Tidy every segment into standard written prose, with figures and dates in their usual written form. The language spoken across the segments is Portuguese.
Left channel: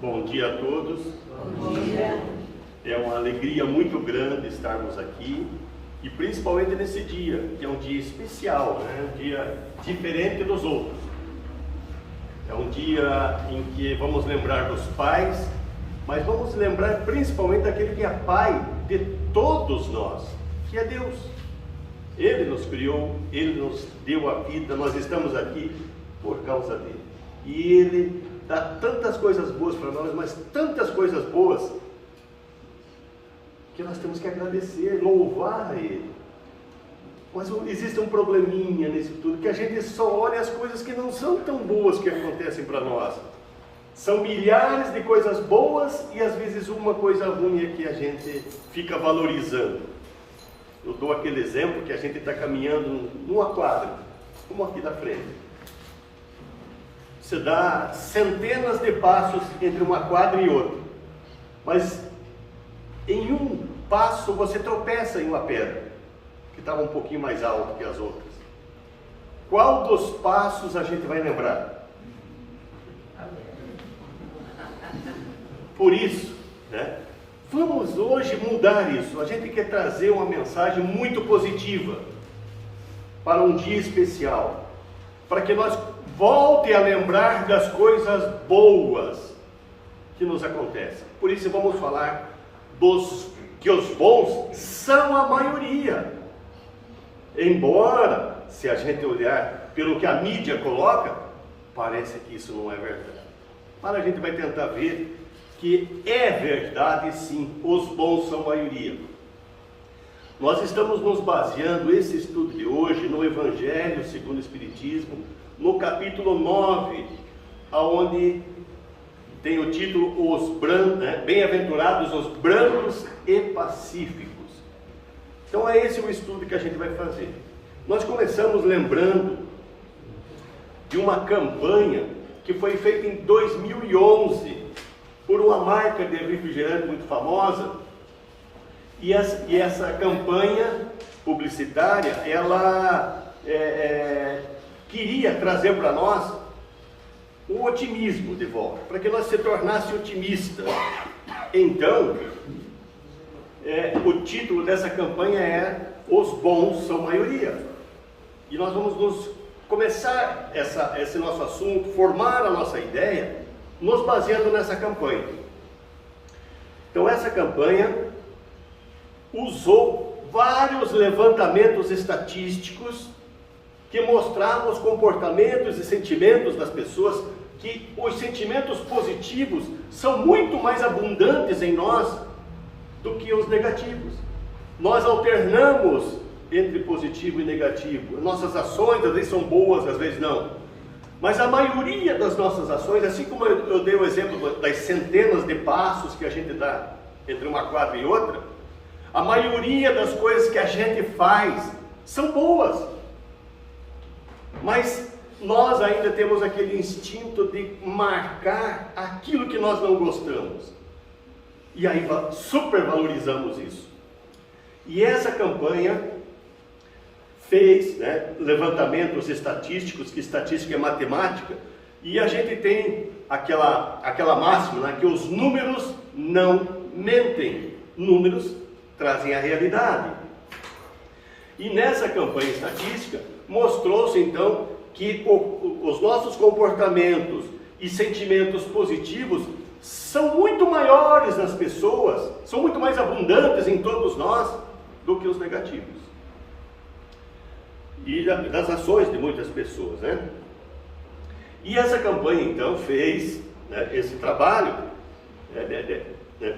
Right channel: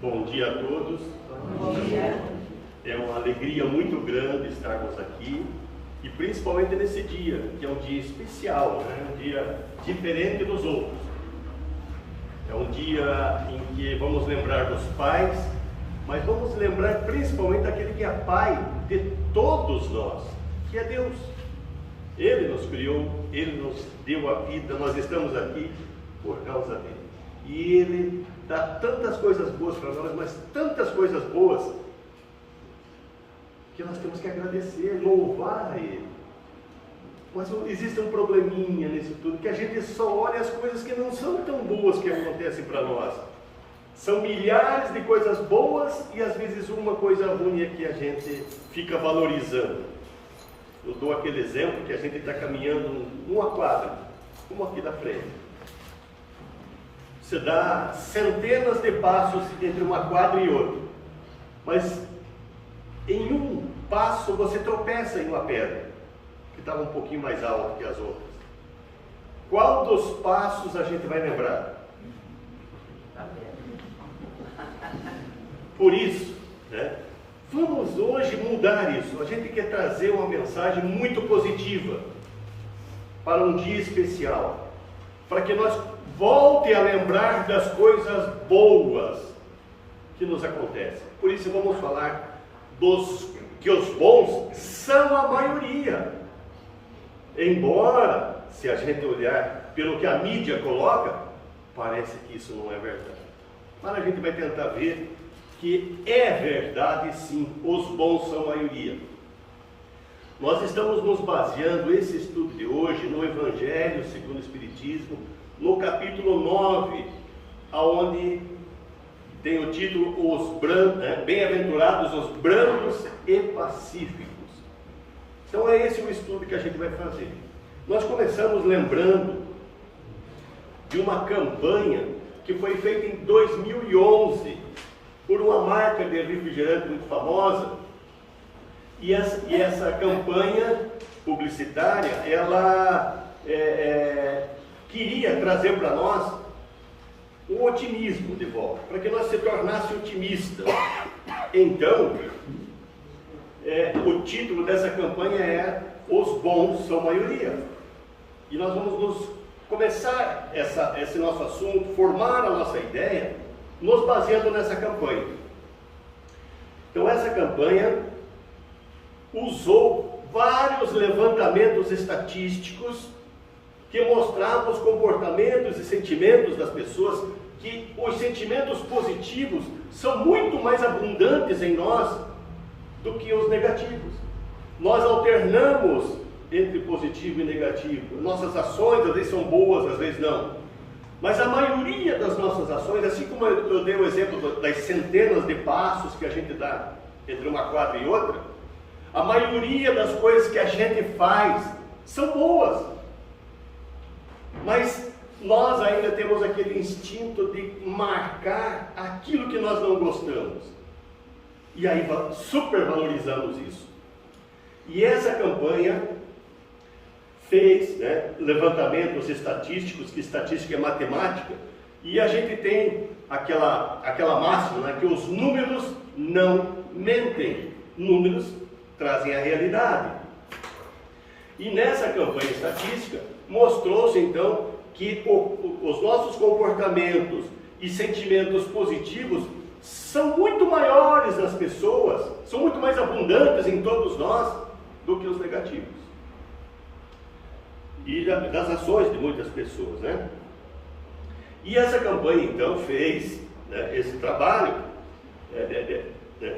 Bom dia a todos. Bom dia. É uma alegria muito grande estarmos aqui e principalmente nesse dia, que é um dia especial, né? Um dia diferente dos outros. É um dia em que vamos lembrar dos pais, mas vamos lembrar principalmente daquele que é pai de todos nós, que é Deus. Ele nos criou, Ele nos deu a vida, nós estamos aqui por causa dele. E Ele dá tantas coisas boas para nós, mas tantas coisas boas, que nós temos que agradecer, louvar a Ele. Mas existe um probleminha nisso tudo, que a gente só olha as coisas que não são tão boas que acontecem para nós. São milhares de coisas boas e às vezes uma coisa ruim é que a gente fica valorizando. Eu dou aquele exemplo que a gente está caminhando numa quadra, como aqui da frente. Você dá centenas de passos entre uma quadra e outra, mas em um passo você tropeça em uma pedra, que estava um pouquinho mais alta que as outras. Qual dos passos a gente vai lembrar? Por isso, né? Vamos hoje mudar isso. A gente quer trazer uma mensagem muito positiva para um dia especial, para que nós voltem a lembrar das coisas boas que nos acontecem. Por isso vamos falar que os bons são a maioria. Embora, se a gente olhar pelo que a mídia coloca, parece que isso não é verdade. Mas a gente vai tentar ver que é verdade sim, os bons são a maioria. Nós estamos nos baseando, esse estudo de hoje, no Evangelho segundo o Espiritismo, no capítulo 9, onde tem o título Os Brandos, né? Bem-aventurados os brandos e pacíficos. Então é esse o estudo que a gente vai fazer. Nós começamos lembrando de uma campanha que foi feita em 2011 por uma marca de refrigerante muito famosa, e essa campanha publicitária, ela queria trazer para nós o otimismo de volta, para que nós se tornasse otimista. Então, o título dessa campanha é Os Bons São Maioria. E nós vamos começar esse nosso assunto, formar a nossa ideia, nos baseando nessa campanha. Então essa campanha usou vários levantamentos estatísticos que mostravam os comportamentos e sentimentos das pessoas, que os sentimentos positivos são muito mais abundantes em nós do que os negativos. Nós alternamos entre positivo e negativo. Nossas ações às vezes são boas, às vezes não. Mas a maioria das nossas ações, assim como eu dei o exemplo das centenas de passos que a gente dá entre uma quadra e outra, a maioria das coisas que a gente faz são boas. Mas nós ainda temos aquele instinto de marcar aquilo que nós não gostamos. E aí supervalorizamos isso. E essa campanha fez, né, levantamentos estatísticos, que estatística é matemática, e a gente tem aquela máxima, né, que os números não mentem, números trazem a realidade. E nessa campanha estatística mostrou-se então que os nossos comportamentos e sentimentos positivos são muito maiores nas pessoas, são muito mais abundantes em todos nós do que os negativos. E das ações de muitas pessoas, né? E essa campanha então fez, né, esse trabalho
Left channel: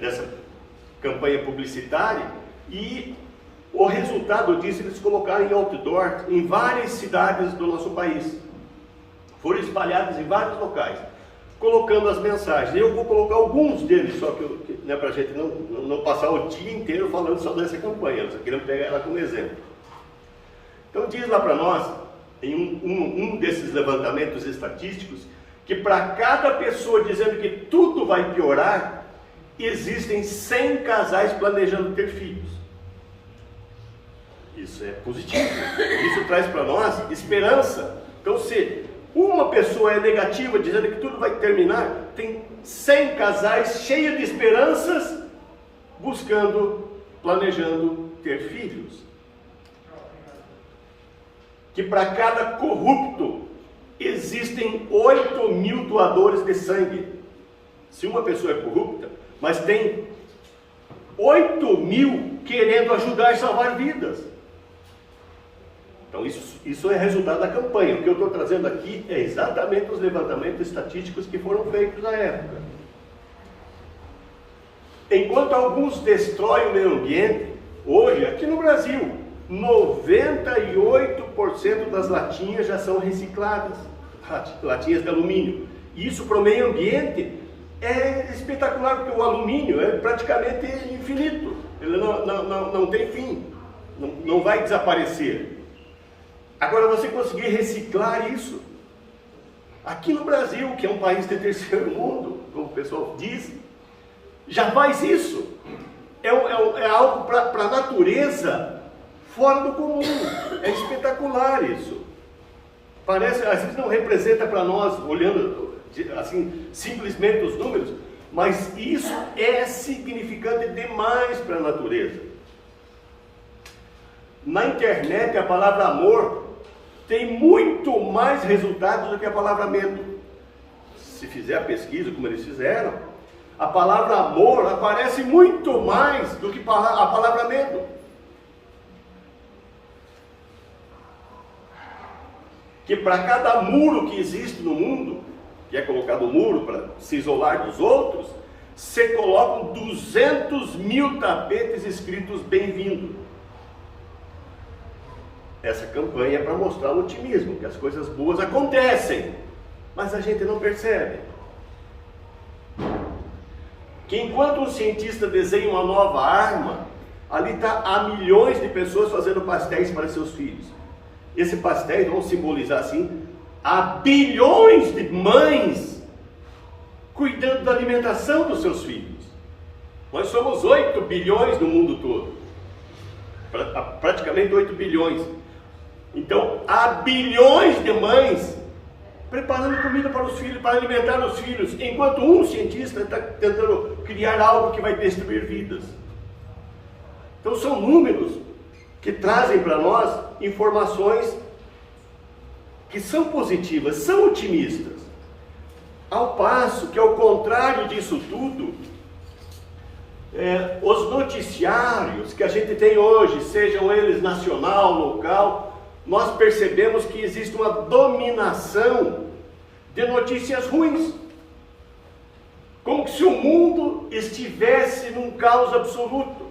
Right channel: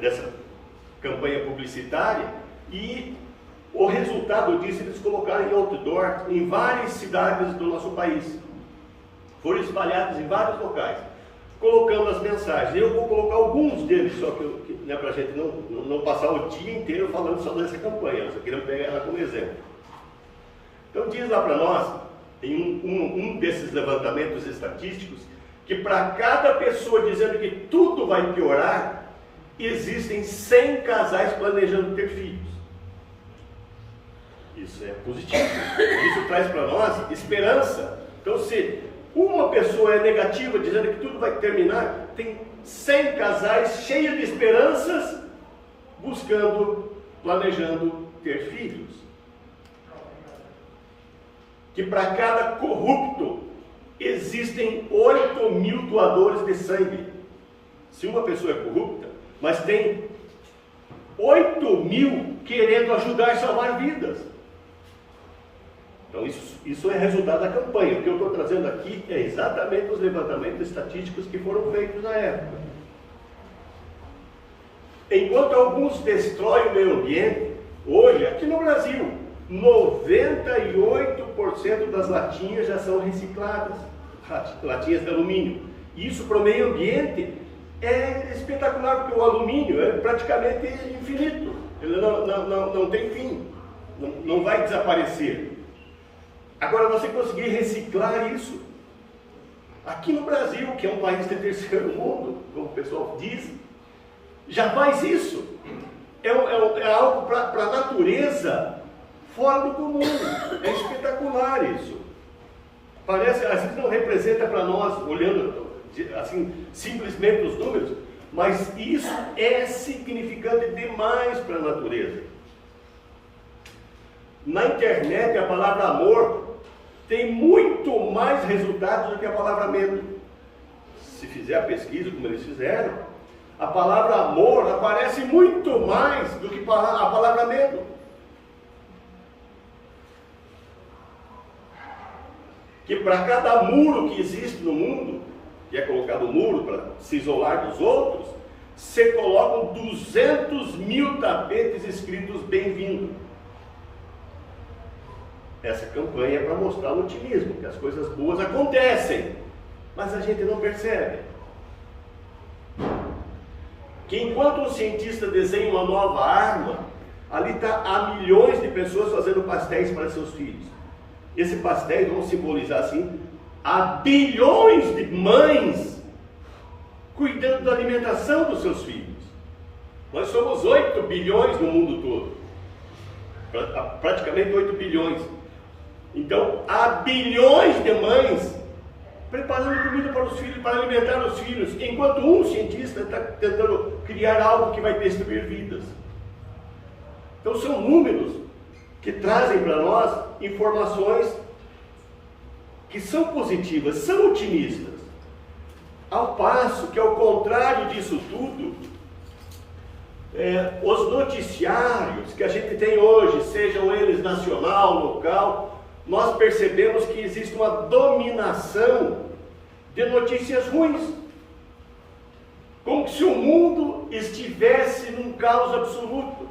dessa campanha publicitária, e o resultado disso eles colocaram em outdoor em várias cidades do nosso país, foram espalhados em vários locais, colocando as mensagens. Eu vou colocar alguns deles, só que né, para a gente não passar o dia inteiro falando só dessa campanha, eu só queria pegar ela como exemplo. Então diz lá para nós, em um desses levantamentos estatísticos, que para cada pessoa dizendo que tudo vai piorar, existem 100 casais planejando ter filhos. Isso é positivo, isso traz para nós esperança. Então se uma pessoa é negativa, dizendo que tudo vai terminar, tem 100 casais cheios de esperanças, planejando ter filhos. Que para cada corrupto existem 8.000 doadores de sangue. Se uma pessoa é corrupta, mas tem 8.000 querendo ajudar e salvar vidas. Então isso é resultado da campanha. O que eu estou trazendo aqui é exatamente os levantamentos estatísticos que foram feitos na época. Enquanto alguns destroem o meio ambiente, hoje, aqui no Brasil, 98% das latinhas já são recicladas, latinhas de alumínio. Isso para o meio ambiente é espetacular, porque o alumínio é praticamente infinito, ele não tem fim, não vai desaparecer. Agora, você conseguir reciclar isso, aqui no Brasil, que é um país de terceiro mundo, como o pessoal diz, já faz isso. É algo para a natureza fora do comum. É espetacular isso. Parece, às vezes não representa para nós, olhando assim, simplesmente os números, mas isso é significante demais para a natureza. Na internet, a palavra amor tem muito mais resultados do que a palavra medo. Se fizer a pesquisa como eles fizeram, a palavra amor aparece muito mais do que a palavra medo. Que para cada muro que existe no mundo, que é colocado muro para se isolar dos outros, se colocam 200.000 tapetes escritos bem-vindo. Essa campanha é para mostrar o otimismo, que as coisas boas acontecem, mas a gente não percebe. Que enquanto um cientista desenha uma nova arma, ali há milhões de pessoas fazendo pastéis para seus filhos. Esse pastéis, vamos simbolizar assim, há bilhões de mães cuidando da alimentação dos seus filhos. Nós somos 8 bilhões no mundo todo, praticamente 8 bilhões. Então, há bilhões de mães preparando comida para os filhos, para alimentar os filhos, enquanto um cientista está tentando criar algo que vai destruir vidas. Então, são números que trazem para nós informações que são positivas, são otimistas. Ao passo que, ao contrário disso tudo, os noticiários que a gente tem hoje, sejam eles nacional, local, nós percebemos que existe uma dominação de notícias ruins. Como se o mundo estivesse num caos absoluto.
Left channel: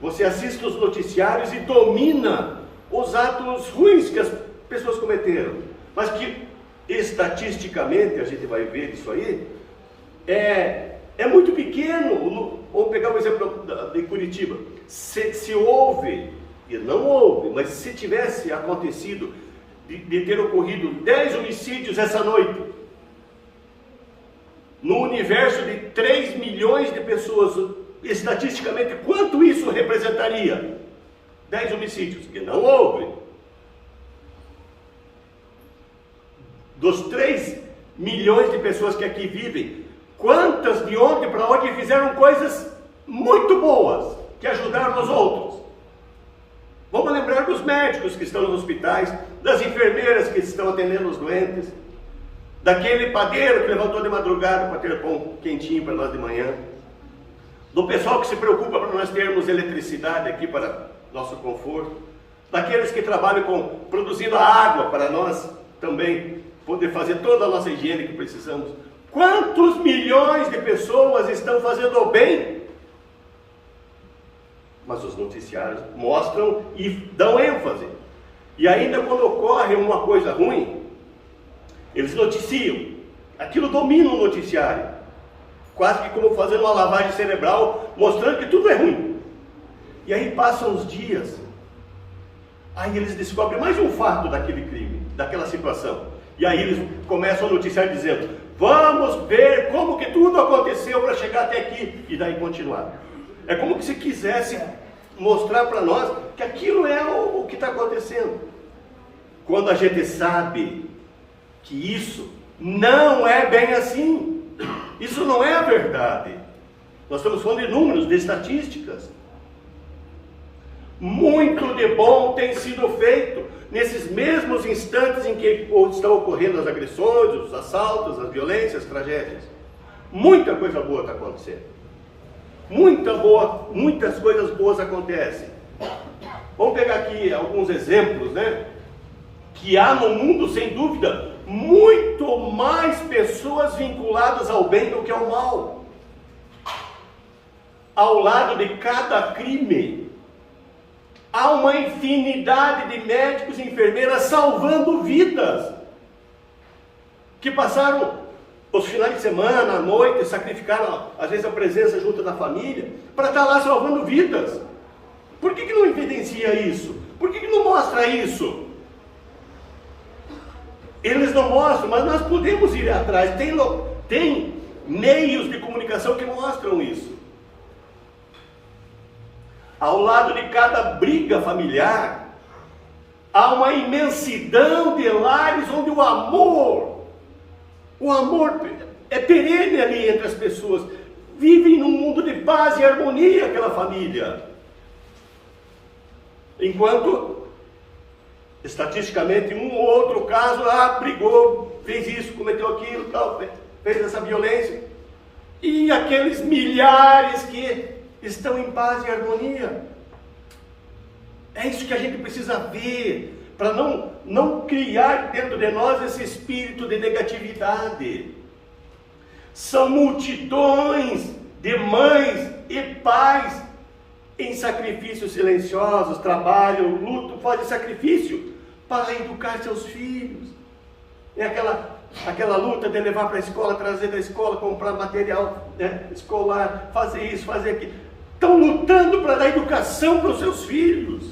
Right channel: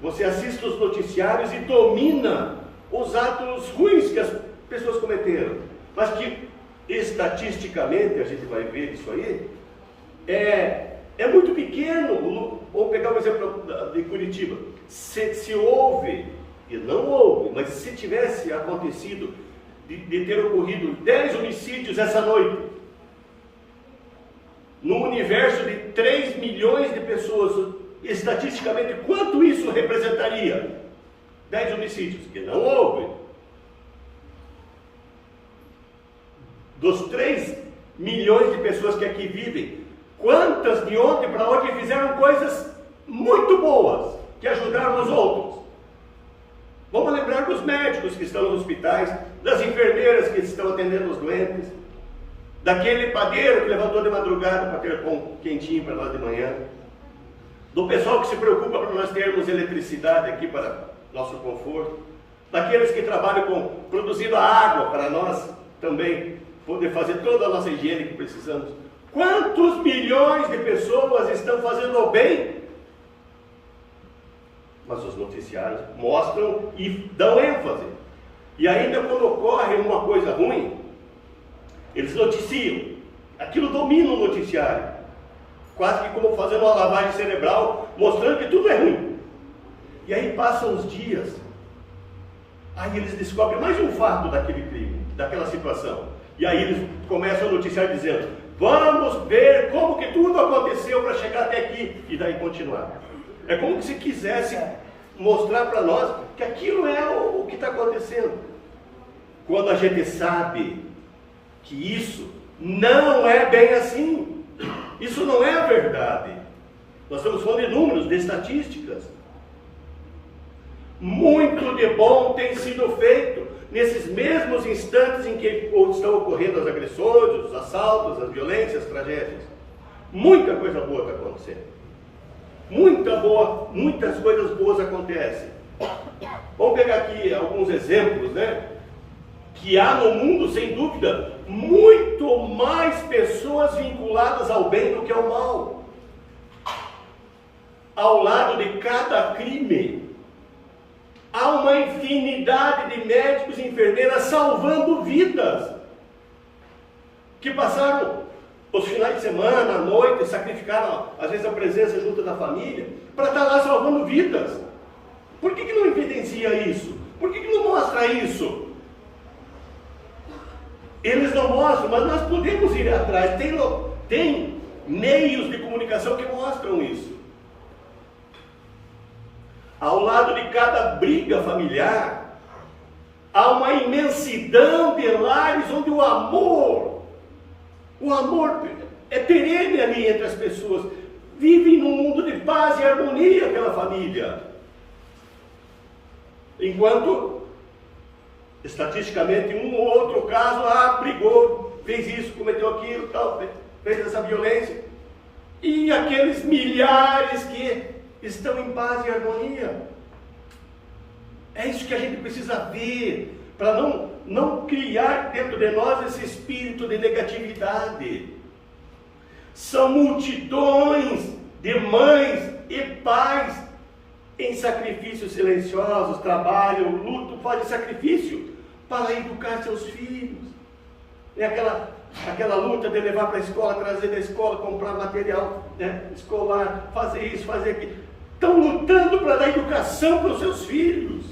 Você assiste os noticiários e domina os atos ruins que as pessoas cometeram. Mas que, estatisticamente, a gente vai ver isso aí, é muito pequeno. Vamos pegar um exemplo de Curitiba. Se houve, e não houve, mas se tivesse acontecido de ter ocorrido 10 homicídios essa noite, no universo de 3 milhões de pessoas, estatisticamente, quanto isso representaria? 10 homicídios, que não houve. Dos 3 milhões de pessoas que aqui vivem, quantas de ontem para hoje fizeram coisas muito boas, que ajudaram os outros? Vamos lembrar dos médicos que estão nos hospitais, das enfermeiras que estão atendendo os doentes, daquele padeiro que levantou de madrugada para ter pão quentinho para nós de manhã, do pessoal que se preocupa para nós termos eletricidade aqui para nosso conforto, daqueles que trabalham produzindo a água para nós também poder fazer toda a nossa higiene que precisamos. Quantos milhões de pessoas estão fazendo o bem? Mas os noticiários mostram e dão ênfase. E ainda quando ocorre uma coisa ruim, eles noticiam. Aquilo domina o noticiário. Quase que como fazendo uma lavagem cerebral, mostrando que tudo é ruim. E aí passam os dias. Aí eles descobrem mais um fato daquele crime, daquela situação. E aí eles começam a noticiar dizendo: vamos ver como que tudo aconteceu para chegar até aqui. E daí continuar. É como se quisesse mostrar para nós que aquilo é o que está acontecendo. Quando a gente sabe que isso não é bem assim. Isso não é verdade. Nós estamos falando de números, de estatísticas. Muito de bom tem sido feito nesses mesmos instantes em que estão ocorrendo as agressões, os assaltos, as violências, as tragédias. Muita coisa boa está acontecendo. Muitas coisas boas acontecem. Vamos pegar aqui alguns exemplos, né? Que há no mundo, sem dúvida, muito mais pessoas vinculadas ao bem do que ao mal. Ao lado de cada crime, há uma infinidade de médicos e enfermeiras salvando vidas, que passaram os finais de semana, à noite, sacrificaram, às vezes, a presença junto da família, para estar lá salvando vidas. Por que não evidencia isso? Por que não mostra isso? Eles não mostram, mas nós podemos ir atrás. Tem meios de comunicação que mostram isso. Ao lado de cada briga familiar, há uma imensidão de lares onde o amor é perene ali entre as pessoas. Vivem num mundo de paz e harmonia aquela família. Enquanto, estatisticamente, um ou outro caso, brigou, fez isso, cometeu aquilo, tal, fez essa violência. E aqueles milhares que estão em paz e harmonia. É isso que a gente precisa ver, para não criar dentro de nós esse espírito de negatividade. São multidões de mães e pais em sacrifícios silenciosos, trabalho, luto, fazem sacrifício para educar seus filhos. É aquela luta de levar para a escola, trazer da escola, comprar material, né, escolar, fazer isso, fazer aquilo. Estão lutando para dar educação para os seus filhos.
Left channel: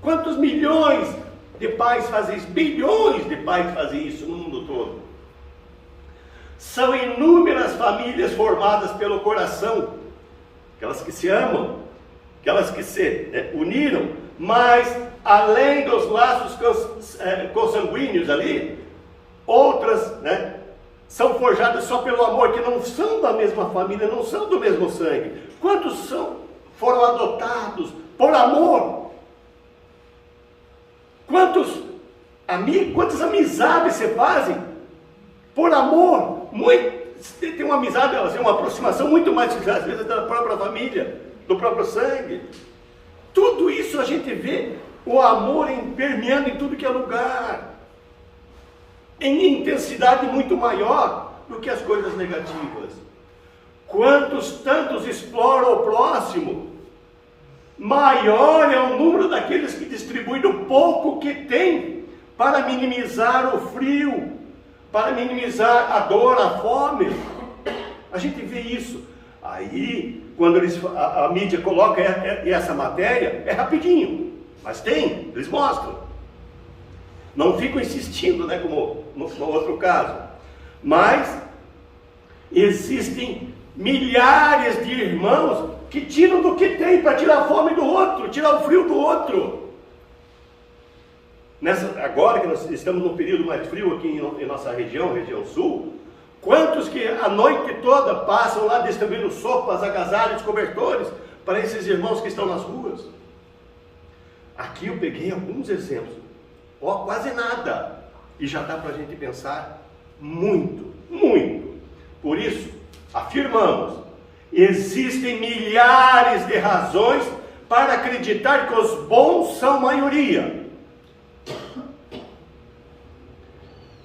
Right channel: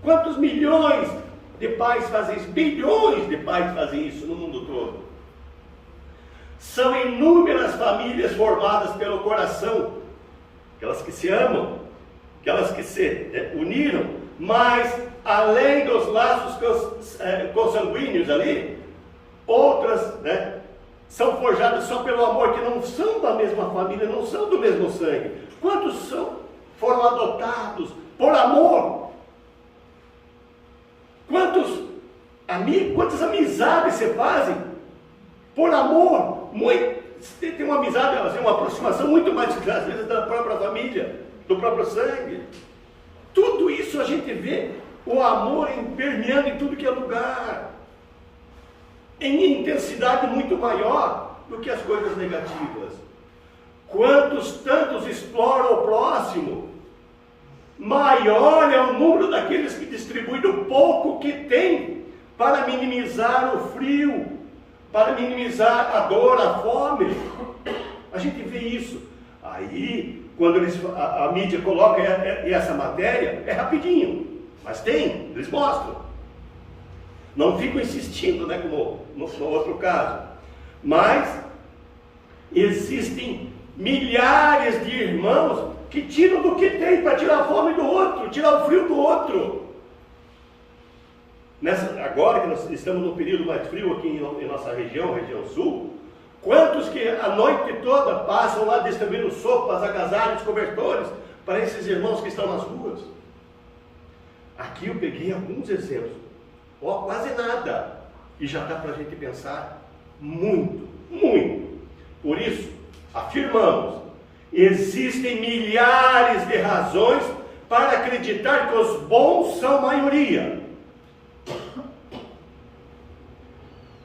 Quantos milhões de pais fazem isso? Bilhões de pais fazem isso no mundo todo. São inúmeras famílias formadas pelo coração, aquelas que se amam, aquelas que se uniram, mas além dos laços consanguíneos ali, outras, né, são forjadas só pelo amor, que não são da mesma família, não são do mesmo sangue. Quantos foram adotados por amor? Quantas amizades se fazem por amor? Tem uma amizade, uma aproximação muito mais, às vezes, da própria família, do próprio sangue. Tudo isso a gente vê o amor permeando em tudo que é lugar, em intensidade muito maior do que as coisas negativas. Tantos exploram o próximo, maior é o número daqueles que distribuem o pouco que tem para minimizar o frio, para minimizar a dor, a fome. A gente vê isso. Aí, quando a mídia coloca essa matéria, é rapidinho, mas eles mostram. Não ficam insistindo, né, como no outro caso. Mas existem milhares de irmãos que tiram do que tem para tirar a fome do outro, tirar o frio do outro. Agora que nós estamos num período mais frio aqui em nossa região sul, quantos que a noite toda passam lá distribuindo sopas, agasalhos, cobertores para esses irmãos que estão nas ruas? Aqui eu peguei alguns exemplos, quase nada, e já dá para a gente pensar muito. Por isso, afirmamos, existem milhares de razões para acreditar que os bons são maioria.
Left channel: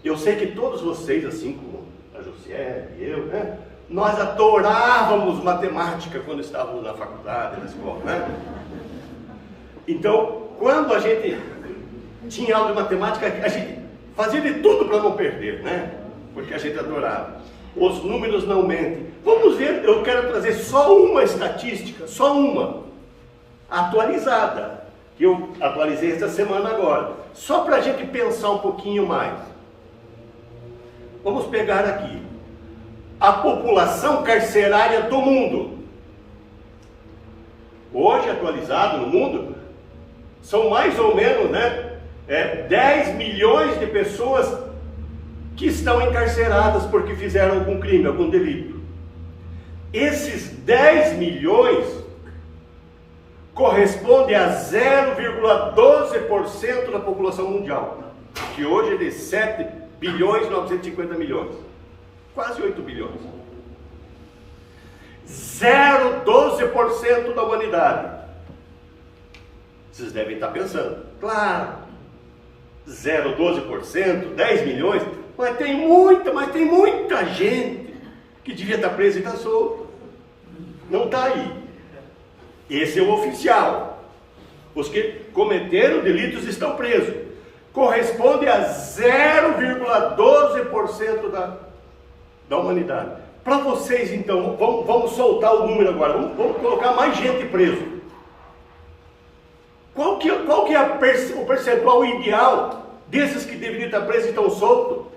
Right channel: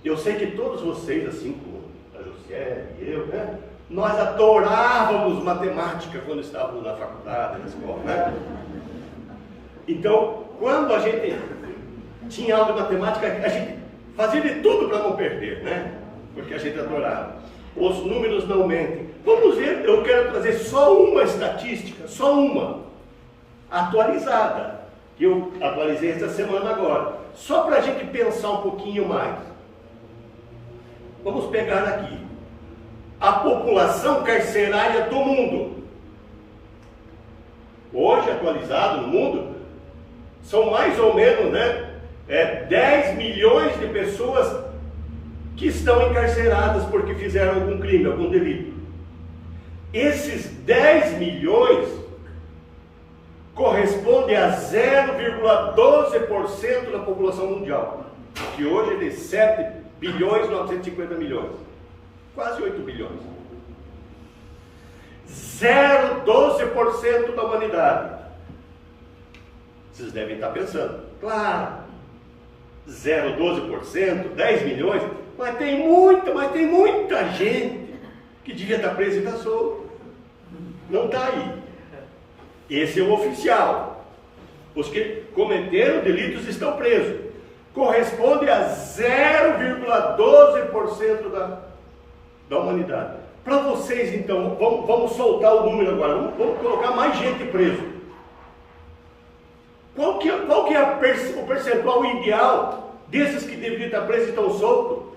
Eu sei que todos vocês, assim como a José e eu, né, nós adorávamos matemática quando estávamos na faculdade, na escola, né? Então, quando a gente tinha aula de matemática, a gente fazia de tudo para não perder, né? Porque a gente adorava. Os números não mentem. Vamos ver, eu quero trazer só uma estatística, só uma, atualizada, que eu atualizei esta semana agora, só para a gente pensar um pouquinho mais. Vamos pegar aqui a população carcerária do mundo. Hoje, atualizado no mundo, são mais ou menos, 10 milhões de pessoas que estão encarceradas porque fizeram algum crime, algum delito. Esses 10 milhões correspondem a 0,12% da população mundial, que hoje é de 7 bilhões e 950 milhões, quase 8 bilhões. 0,12% da humanidade. Vocês devem estar pensando, claro, 0,12%, 10 milhões, mas tem muita gente que devia estar presa e está solto. Não está aí. Esse é o oficial. Os que cometeram delitos estão presos. Corresponde a 0,12% da humanidade. Para vocês, então, vamos soltar o número agora. Vamos colocar mais gente preso. Qual que é o percentual ideal desses que deveriam estar presos e estão soltos,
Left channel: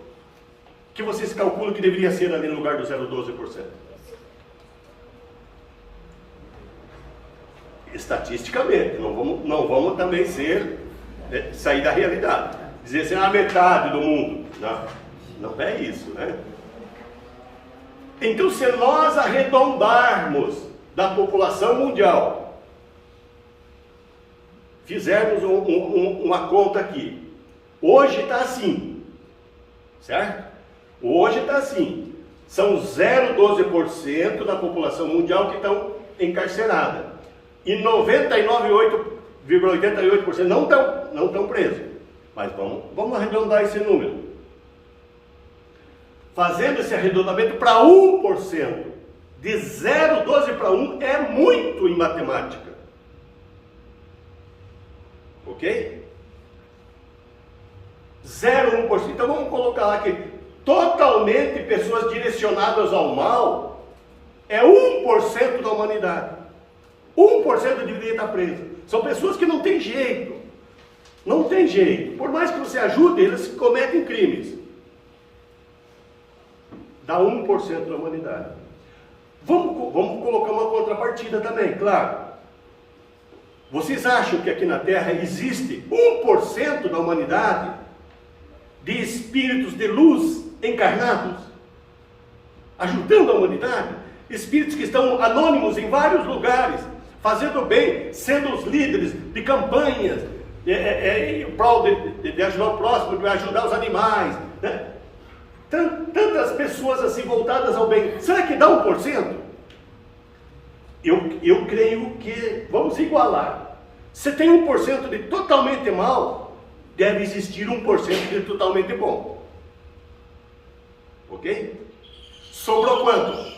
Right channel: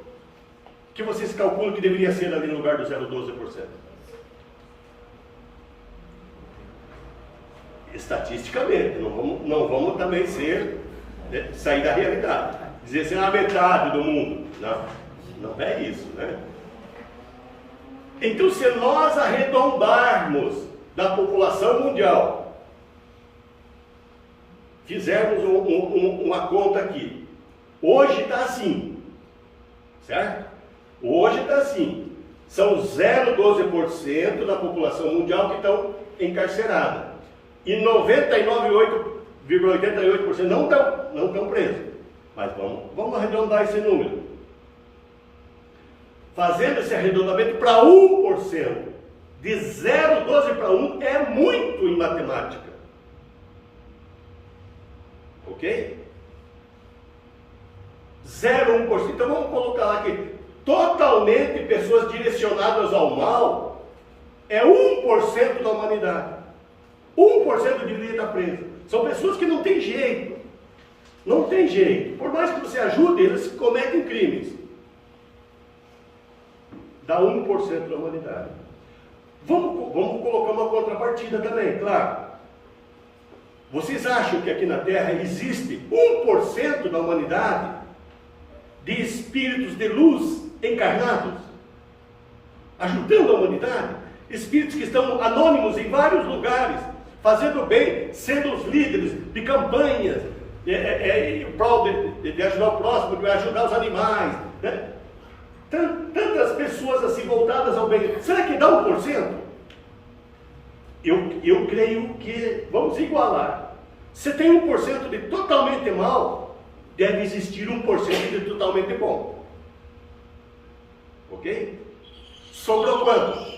que vocês calculam que deveria ser ali no lugar do 0,12%? Estatisticamente, não vamos também sair da realidade. Dizer assim, a metade do mundo. Não é isso, né? Então, se nós arredondarmos da população mundial, fizermos uma conta aqui, hoje está assim, certo? Hoje está assim, são 0,12% da população mundial que estão encarceradas, e 99,88% não estão presos. Mas vamos arredondar esse número. Fazendo esse arredondamento para 1%, de 0,12 para 1 é muito em matemática. Ok? 0,1%. Então vamos colocar aqui, totalmente pessoas direcionadas ao mal, é 1% da humanidade. 1% deveria estar preso. São pessoas que não tem jeito. Não tem jeito. Por mais que você ajude, eles cometem crimes. Dá 1% da humanidade. Vamos colocar uma contrapartida também, claro. Vocês acham que aqui na Terra existe 1% da humanidade de espíritos de luz encarnados, ajudando a humanidade? Espíritos que estão anônimos em vários lugares, fazendo bem, sendo os líderes de campanhas, em prol de ajudar o próximo, de ajudar os animais, né? Tantas pessoas assim voltadas ao bem. Será que dá 1%? Eu creio que vamos igualar. Se tem 1% de totalmente mal, deve existir 1% de totalmente bom. Ok? Sobrou quanto?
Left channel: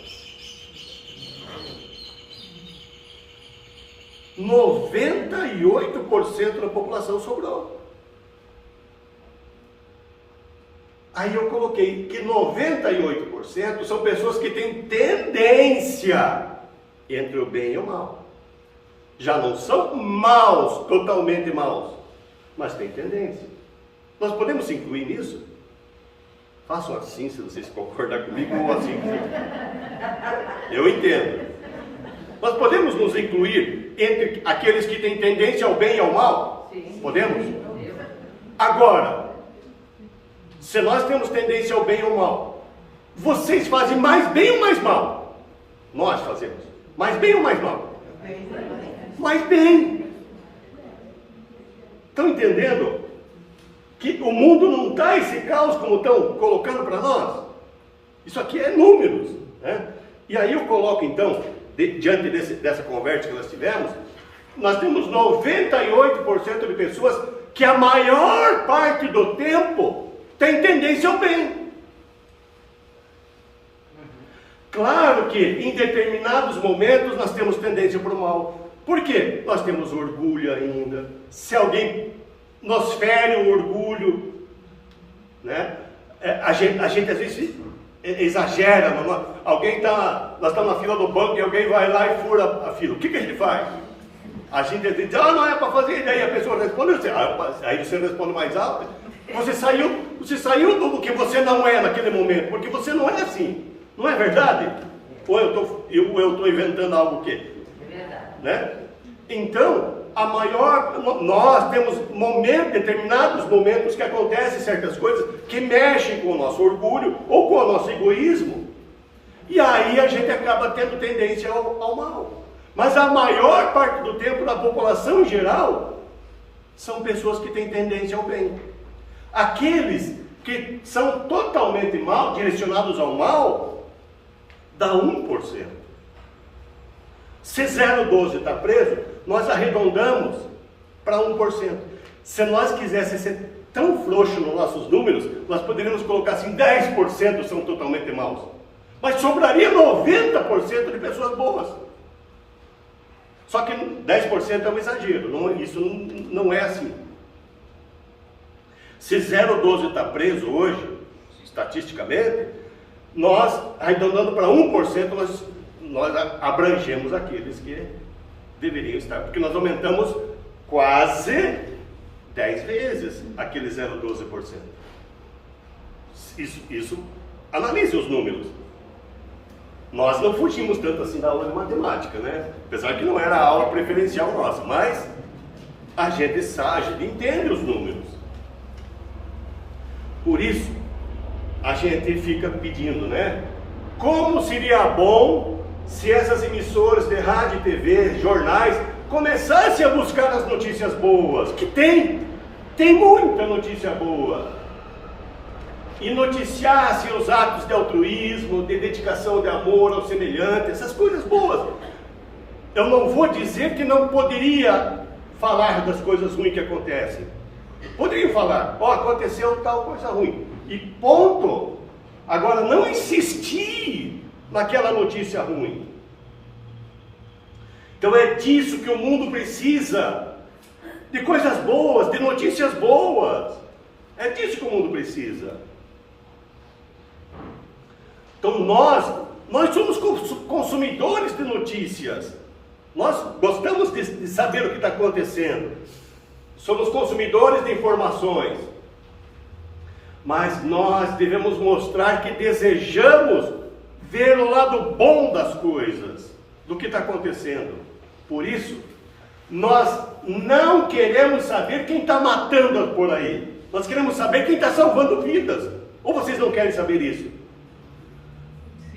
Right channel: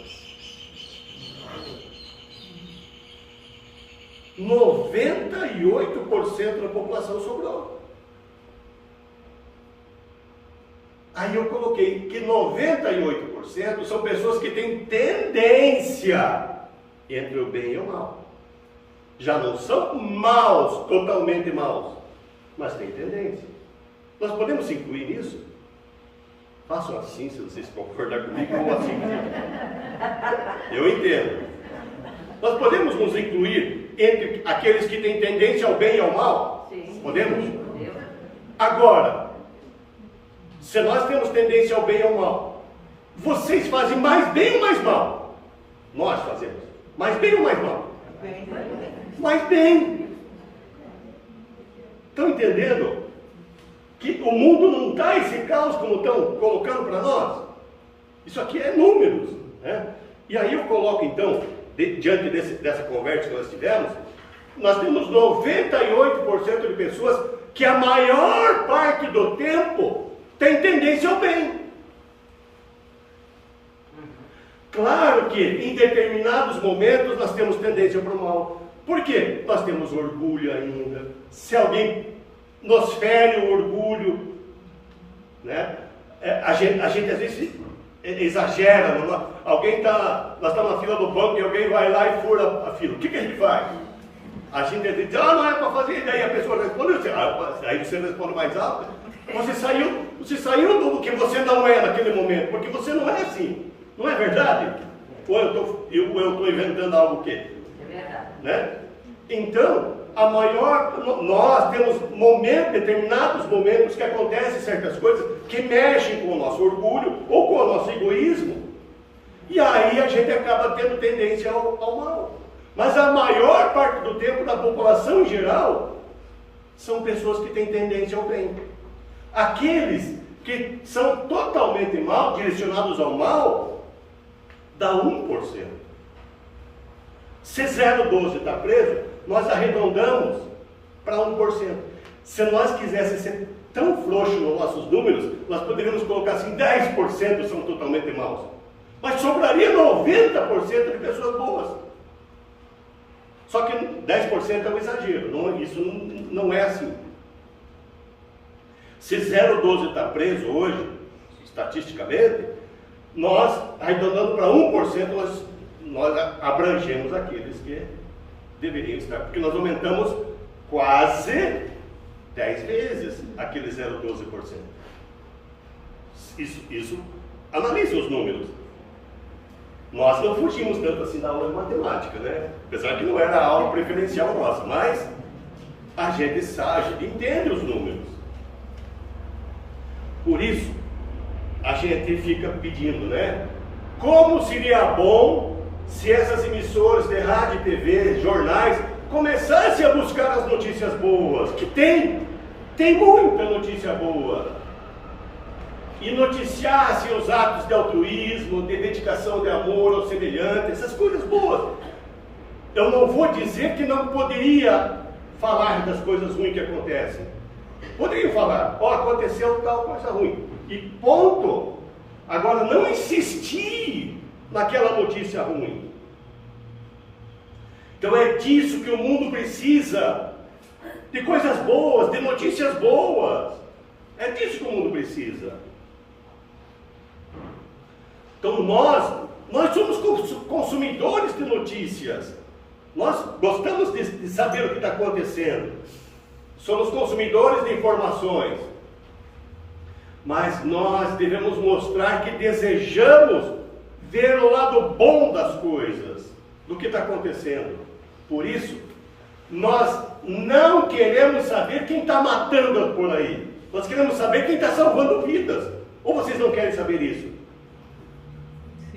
98% da população sobrou. Aí eu coloquei que 98% são pessoas que têm tendência entre o bem e o mal. Já não são maus, totalmente maus, mas têm tendência. Nós podemos incluir nisso? Façam assim, se vocês concordarem comigo, ou assim. Eu entendo. Nós podemos nos incluir entre aqueles que têm tendência ao bem e ao mal? Sim. Podemos? Agora, se nós temos tendência ao bem ou ao mal, vocês fazem mais bem ou mais mal? Nós fazemos. Mais bem ou mais mal? Mais bem. Estão entendendo? Que o mundo não está esse caos como estão colocando para nós? Isso aqui é números, né? E aí eu coloco então, diante dessa conversa que nós tivemos, nós temos 98% de pessoas que a maior parte do tempo tem tendência ao bem. Claro que em determinados momentos nós temos tendência para o mal. Por quê? Nós temos orgulho ainda. Se alguém nos fere o orgulho, né? A gente às vezes exagera. Nós estamos na fila do banco e alguém vai lá e fura a fila. O que a gente faz? A gente diz, não é para fazer. E aí a pessoa responde, aí você responde mais alto. Você saiu do que você não é naquele momento, porque você não é assim. Não é verdade? Ou eu estou inventando algo que? É verdade. Né? Então, nós temos determinados momentos que acontecem certas coisas que mexem com o nosso orgulho ou com o nosso egoísmo. E aí a gente acaba tendo tendência ao mal. Mas a maior parte do tempo da população em geral são pessoas que têm tendência ao bem. Aqueles que são totalmente mal, direcionados ao mal, dá 1%. Se 0,12 está preso, nós arredondamos para 1%. Se nós quiséssemos ser tão frouxos nos nossos números, nós poderíamos colocar assim, 10% são totalmente maus. Mas sobraria 90% de pessoas boas. Só que 10% é um exagero, isso não é assim. Se 0,12 está preso hoje, estatisticamente, nós, arredondando para 1%, nós abrangemos aqueles que deveriam estar, porque nós aumentamos quase 10 vezes aquele 0,12%. Isso, analise os números. Nós não fugimos tanto assim da aula de matemática, né? Apesar que não era a aula preferencial nossa, mas a gente entende os números. Por isso, a gente fica pedindo, né? Como seria bom se essas emissoras de rádio, TV, jornais começassem a buscar as notícias boas, que tem muita notícia boa, e noticiassem os atos de altruísmo, de dedicação de amor ao semelhante, essas coisas boas. Eu não vou dizer que não poderia falar das coisas ruins que acontecem. Poderiam falar, aconteceu tal coisa ruim, e ponto. Agora, não insistir naquela notícia ruim. Então é disso que o mundo precisa, de coisas boas, de notícias boas. É disso que o mundo precisa. Então nós somos consumidores de notícias. Nós gostamos de saber o que está acontecendo. Somos consumidores de informações. Mas nós devemos mostrar que desejamos ver o lado bom das coisas, do que está acontecendo. Por isso, nós não queremos saber quem está matando por aí. Nós queremos saber quem está salvando vidas. Ou vocês não querem saber isso?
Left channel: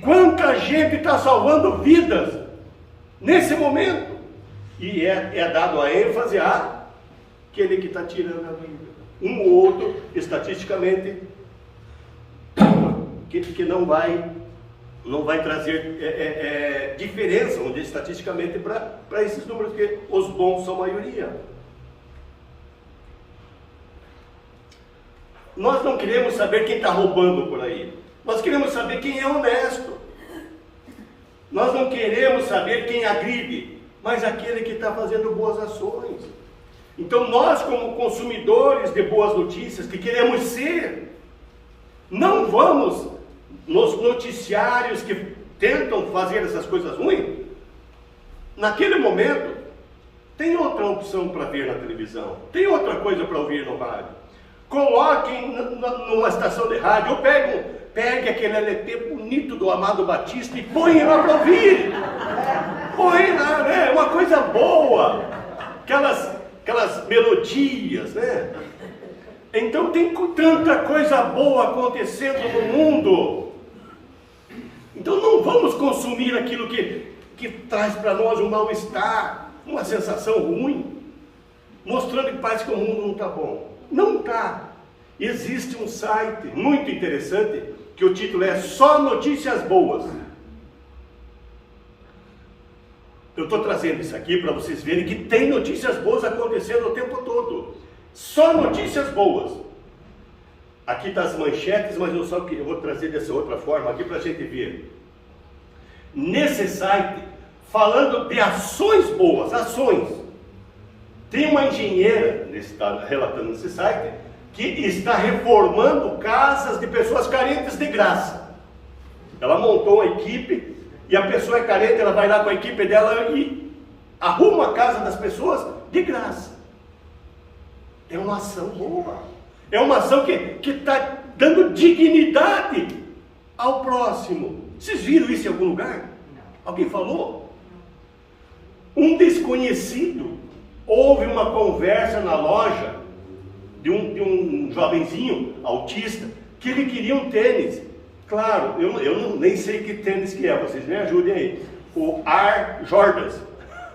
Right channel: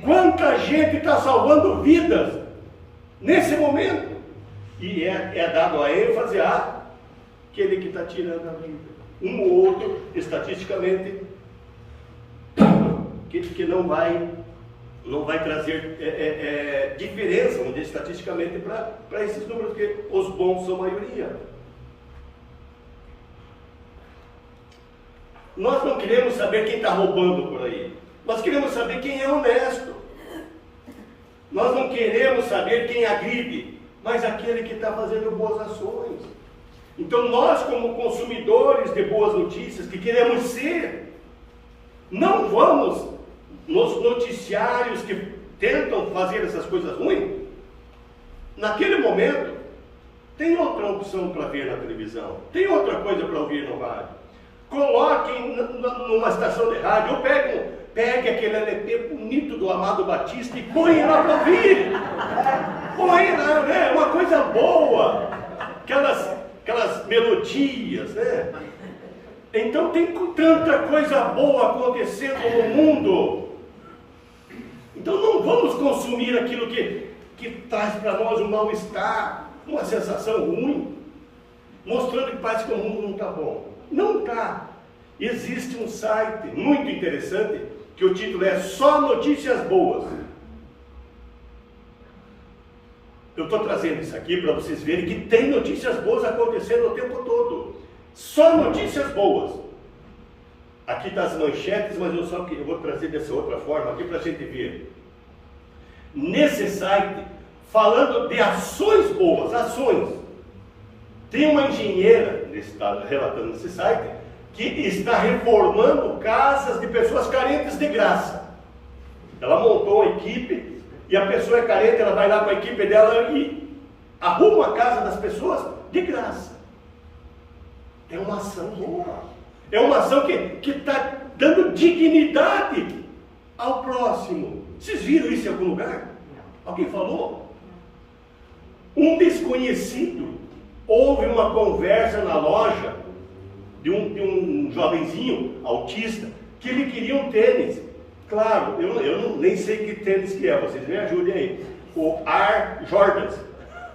Quanta gente está salvando vidas nesse momento? E é dado a ênfase àquele que está tirando a vida. Um ou outro, estatisticamente, que não vai trazer diferença, vamos dizer, estatisticamente, para esses números, porque os bons são a maioria. Nós não queremos saber quem está roubando por aí. Nós queremos saber quem é honesto. Nós não queremos saber quem agride, mas aquele que está fazendo boas ações. Então nós, como consumidores de boas notícias, que queremos ser, não vamos nos noticiários que tentam fazer essas coisas ruins. Naquele momento, tem outra opção para ver na televisão, tem outra coisa para ouvir no rádio. Coloquem numa estação de rádio, ou pegue aquele LP bonito do Amado Batista e põe lá para ouvir. Põe lá, né? Uma coisa boa. Aquelas melodias, né? Então tem tanta coisa boa acontecendo no mundo. Então não vamos consumir aquilo que traz para nós um mal-estar, uma sensação ruim, mostrando que parece que o mundo não está bom. Não está. Existe um site muito interessante, que o título é Só Notícias Boas. Eu estou trazendo isso aqui para vocês verem que tem notícias boas acontecendo o tempo todo. Só notícias boas. Aqui está as manchetes, mas eu vou trazer dessa outra forma aqui para a gente ver. Nesse site, falando de ações boas, ações. Tem uma engenheira, está relatando nesse site, que está reformando casas de pessoas carentes de graça. Ela montou uma equipe, e a pessoa é carente, ela vai lá com a equipe dela e arruma a casa das pessoas de graça. É uma ação boa. É uma ação que está dando dignidade ao próximo. Vocês viram isso em algum lugar? Alguém falou? Um desconhecido Houve uma conversa na loja de um jovenzinho autista que ele queria um tênis. Claro, eu nem sei que tênis que é, vocês me ajudem aí. O Air Jordans.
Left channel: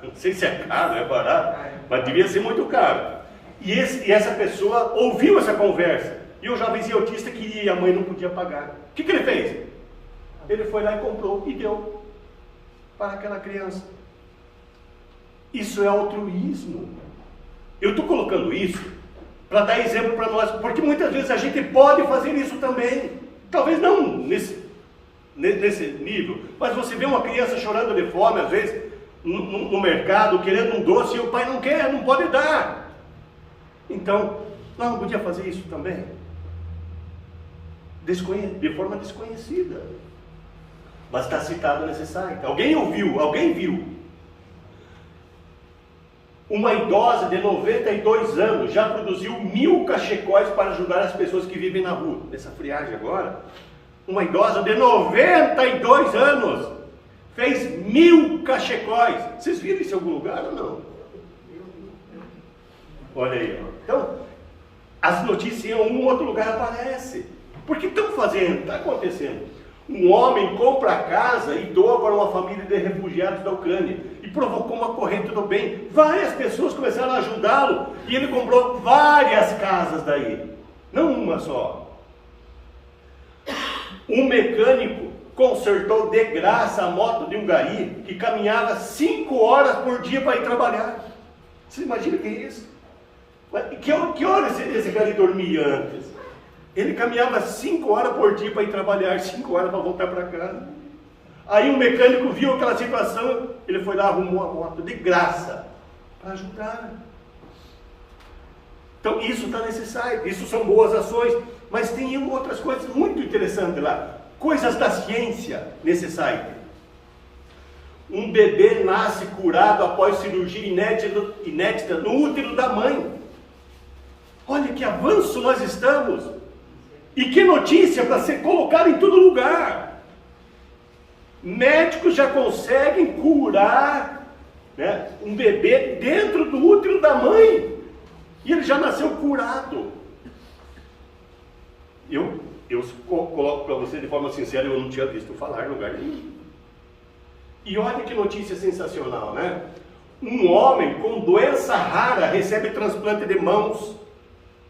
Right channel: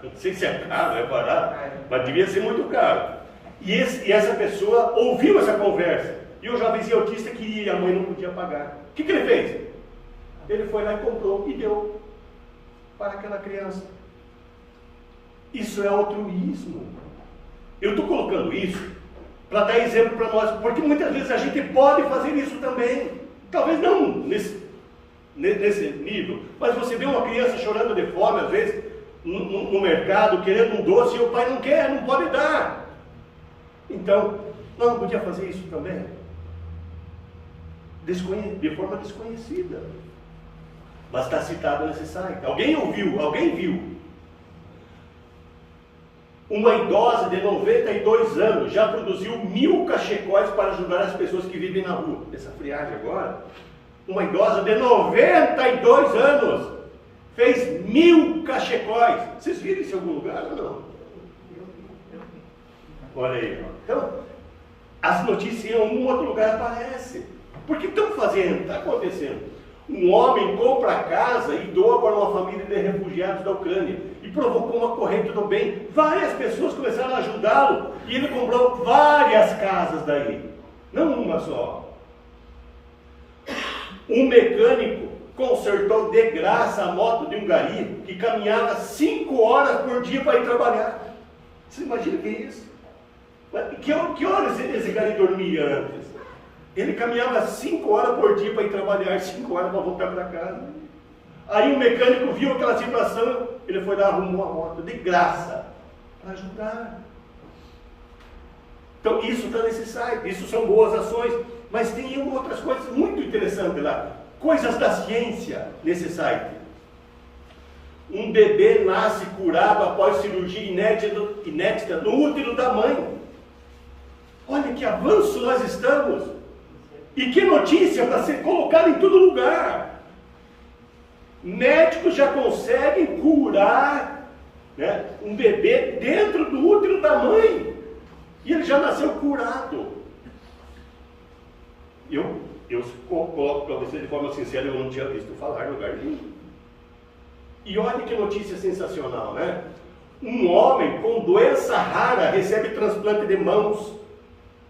Não sei se é caro, é barato, mas devia ser muito caro. E essa pessoa ouviu essa conversa. E o jovenzinho autista queria e a mãe não podia pagar. O que ele fez? Ele foi lá e comprou e deu para aquela criança. Isso é altruísmo. Eu estou colocando isso para dar exemplo para nós, porque muitas vezes a gente pode fazer isso também. Talvez não nesse nível, mas você vê uma criança chorando de fome, às vezes, no mercado, querendo um doce, e o pai não quer, não pode dar. Então, nós não podíamos fazer isso também? De forma desconhecida. Mas está citado nesse site. Alguém ouviu, alguém viu. Uma idosa de 92 anos já produziu 1000 cachecóis para ajudar as pessoas que vivem na rua. Nessa friagem agora, uma idosa de 92 anos fez 1000 cachecóis. Vocês viram isso em algum lugar ou não? Olha aí. Então, as notícias em algum outro lugar aparecem. Por que estão fazendo? Está acontecendo. Um homem compra a casa e doa para uma família de refugiados da Ucrânia e provocou uma corrente do bem. Várias pessoas começaram a ajudá-lo e ele comprou várias casas daí, não uma só. Um mecânico consertou de graça a moto de um gari que caminhava 5 horas por dia para ir trabalhar. Você imagina o que é isso? Que horas esse gari dormia antes? Ele caminhava 5 horas por dia para ir trabalhar, 5 horas para voltar para casa. Aí o mecânico viu aquela situação, ele foi lá, arrumou a moto de graça para ajudar. Então isso está nesse site, isso são boas ações, mas tem outras coisas muito interessantes lá. Coisas da ciência nesse site. Um bebê nasce curado após cirurgia inédita no útero da mãe. Olha que avanço nós estamos. E que notícia para ser colocada em todo lugar. Médicos já conseguem curar, né, um bebê dentro do útero da mãe. E ele já nasceu curado. Eu coloco para você de forma sincera, eu não tinha visto falar em lugar nenhum. E olha que notícia sensacional, né? Um homem com doença rara recebe transplante de mãos.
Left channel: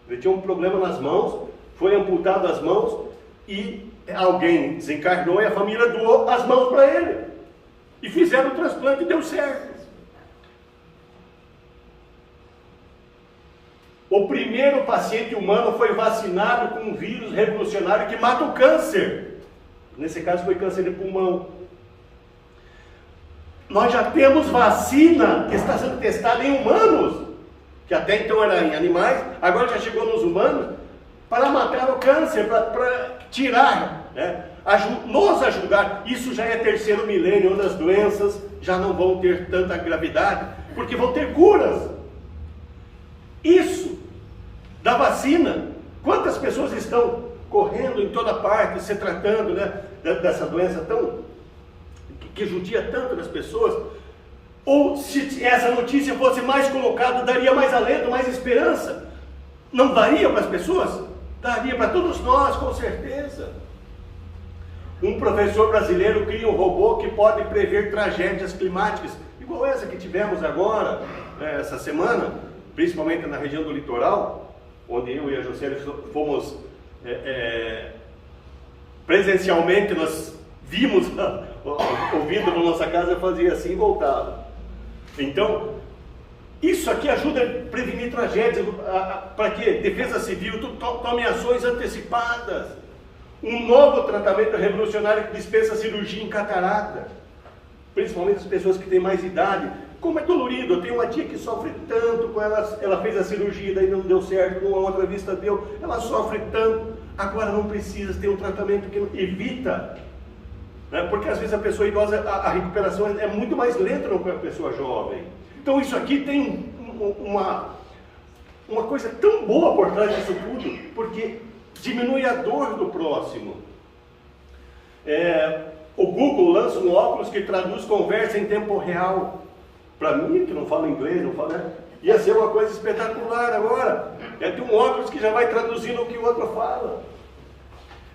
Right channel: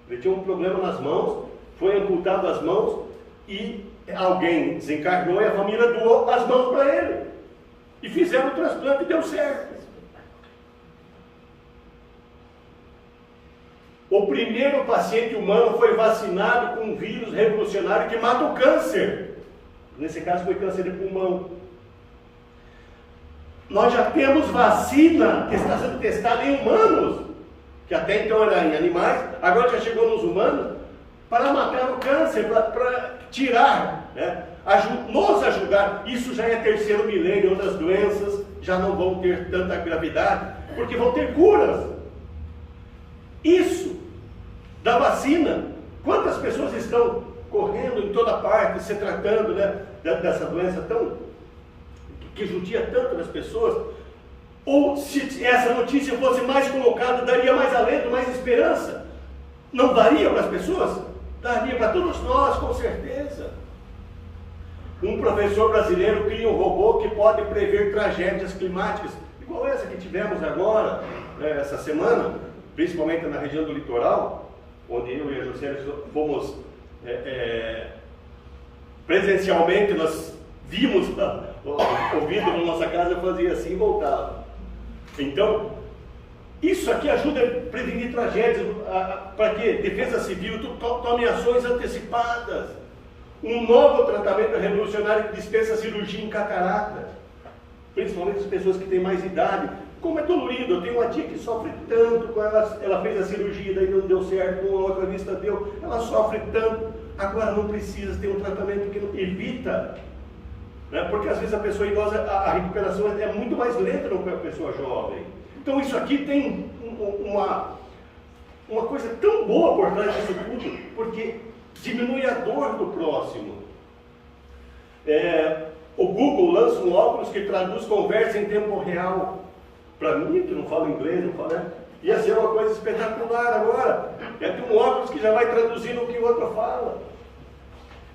Ele tinha um problema nas mãos, foi amputado as mãos e alguém desencarnou e a família doou as mãos para ele. E fizeram o transplante e deu certo. O primeiro paciente humano foi vacinado com um vírus revolucionário que mata o câncer. Nesse caso foi câncer de pulmão. Nós já temos vacina que está sendo testada em humanos, que até então era em animais, agora já chegou nos humanos, para matar o câncer, para tirar, né? Nos ajudar. Isso já é terceiro milênio, onde as doenças já não vão ter tanta gravidade, porque vão ter curas. Isso, da vacina, quantas pessoas estão correndo em toda parte, se tratando, né, dessa doença que judia tanto nas pessoas? Ou se essa notícia fosse mais colocada, daria mais alento, mais esperança? Não daria para as pessoas? Daria para todos nós, com certeza. Um professor brasileiro cria um robô que pode prever tragédias climáticas, igual essa que tivemos agora, né, essa semana, principalmente na região do litoral, onde eu e a José fomos presencialmente, nós vimos o vidro na nossa casa, fazia assim e voltava. Então, isso aqui ajuda a prevenir tragédias. Para que Defesa Civil tome ações antecipadas. Um novo tratamento revolucionário que dispensa a cirurgia em catarata, principalmente as pessoas que têm mais idade. Como é dolorido, eu tenho uma tia que sofre tanto com ela fez a cirurgia, daí não deu certo, com a outra vista deu, ela sofre tanto, agora não precisa ter um tratamento que evita, né? Porque às vezes a pessoa idosa, a recuperação é muito mais lenta do que a pessoa jovem. Então isso aqui tem uma coisa tão boa por trás disso tudo, porque diminui a dor do próximo. O Google lança um óculos que traduz conversa em tempo real. Para mim, que não falo inglês, não falo, né? Ia ser uma coisa espetacular agora. É ter um óculos que já vai traduzindo o que o outro fala.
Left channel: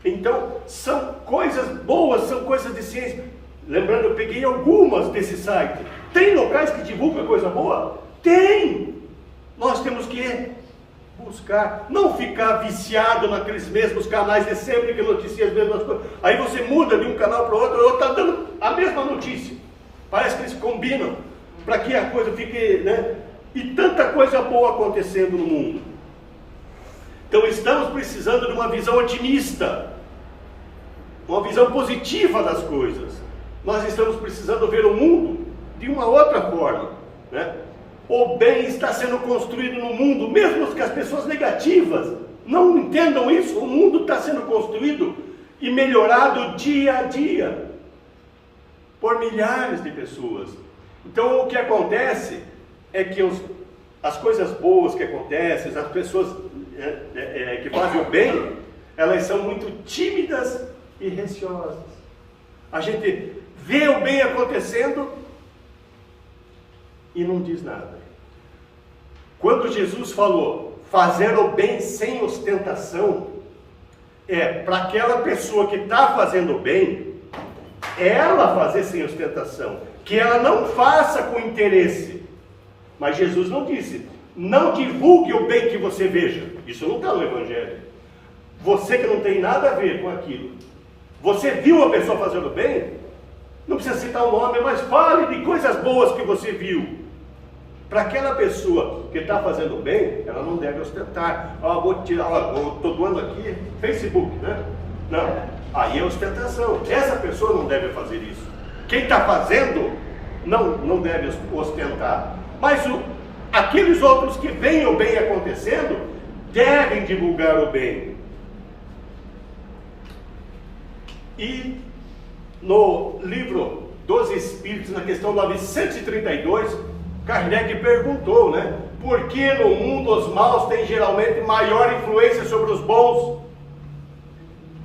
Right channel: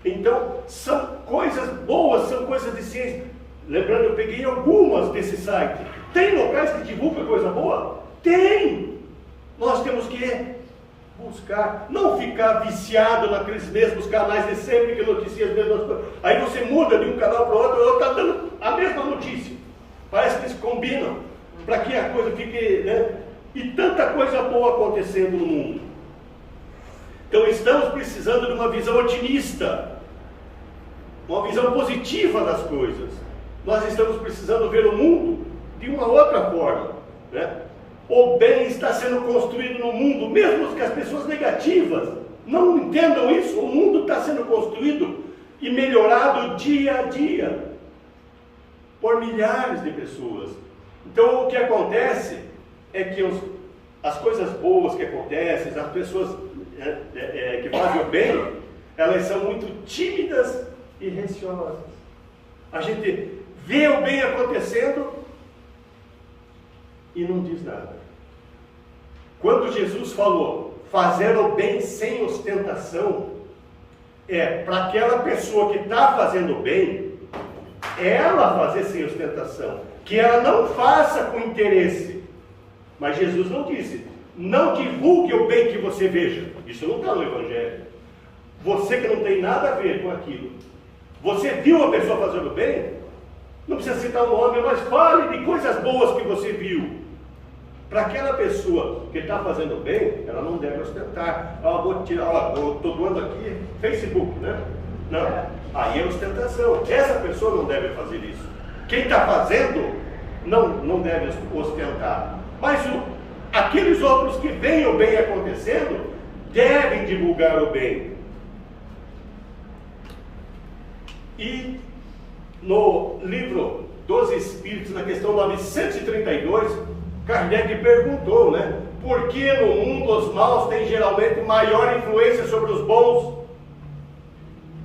Então, são coisas boas, são coisas de ciência. Lembrando, eu peguei algumas desse site. Tem locais que divulgam coisa boa? Tem! Nós temos que buscar, não ficar viciado naqueles mesmos canais de sempre que noticiam as mesmas coisas. Aí você muda de um canal para o outro, está dando a mesma notícia. Parece que eles combinam para que a coisa fique, né? E tanta coisa boa acontecendo no mundo. Então estamos precisando de uma visão otimista, uma visão positiva das coisas. Nós estamos precisando ver o mundo de uma outra forma, né? O bem está sendo construído no mundo, mesmo que as pessoas negativas não entendam isso. O mundo está sendo construído e melhorado dia a dia por milhares de pessoas. Então o que acontece é que as coisas boas que acontecem, as pessoas que fazem o bem, elas são muito tímidas e receosas. A gente vê o bem acontecendo e não diz nada. Quando Jesus falou fazer o bem sem ostentação, para aquela pessoa que está fazendo o bem, ela fazer sem ostentação, que ela não faça com interesse. Mas Jesus não disse, não divulgue o bem que você veja. Isso não está no Evangelho. Você que não tem nada a ver com aquilo, você viu a pessoa fazendo bem, não precisa citar o nome, mas fale de coisas boas que você viu. Para aquela pessoa que está fazendo bem, ela não deve ostentar. Vou tirar, estou doando aqui Facebook, né? Não, aí é ostentação. Essa pessoa não deve fazer isso. Quem está fazendo não deve ostentar. Mas aqueles outros que veem o bem acontecendo, devem divulgar o bem. E no livro dos Espíritos, na questão 932, Kardec perguntou, né? Por que no mundo os maus têm geralmente maior influência sobre os bons?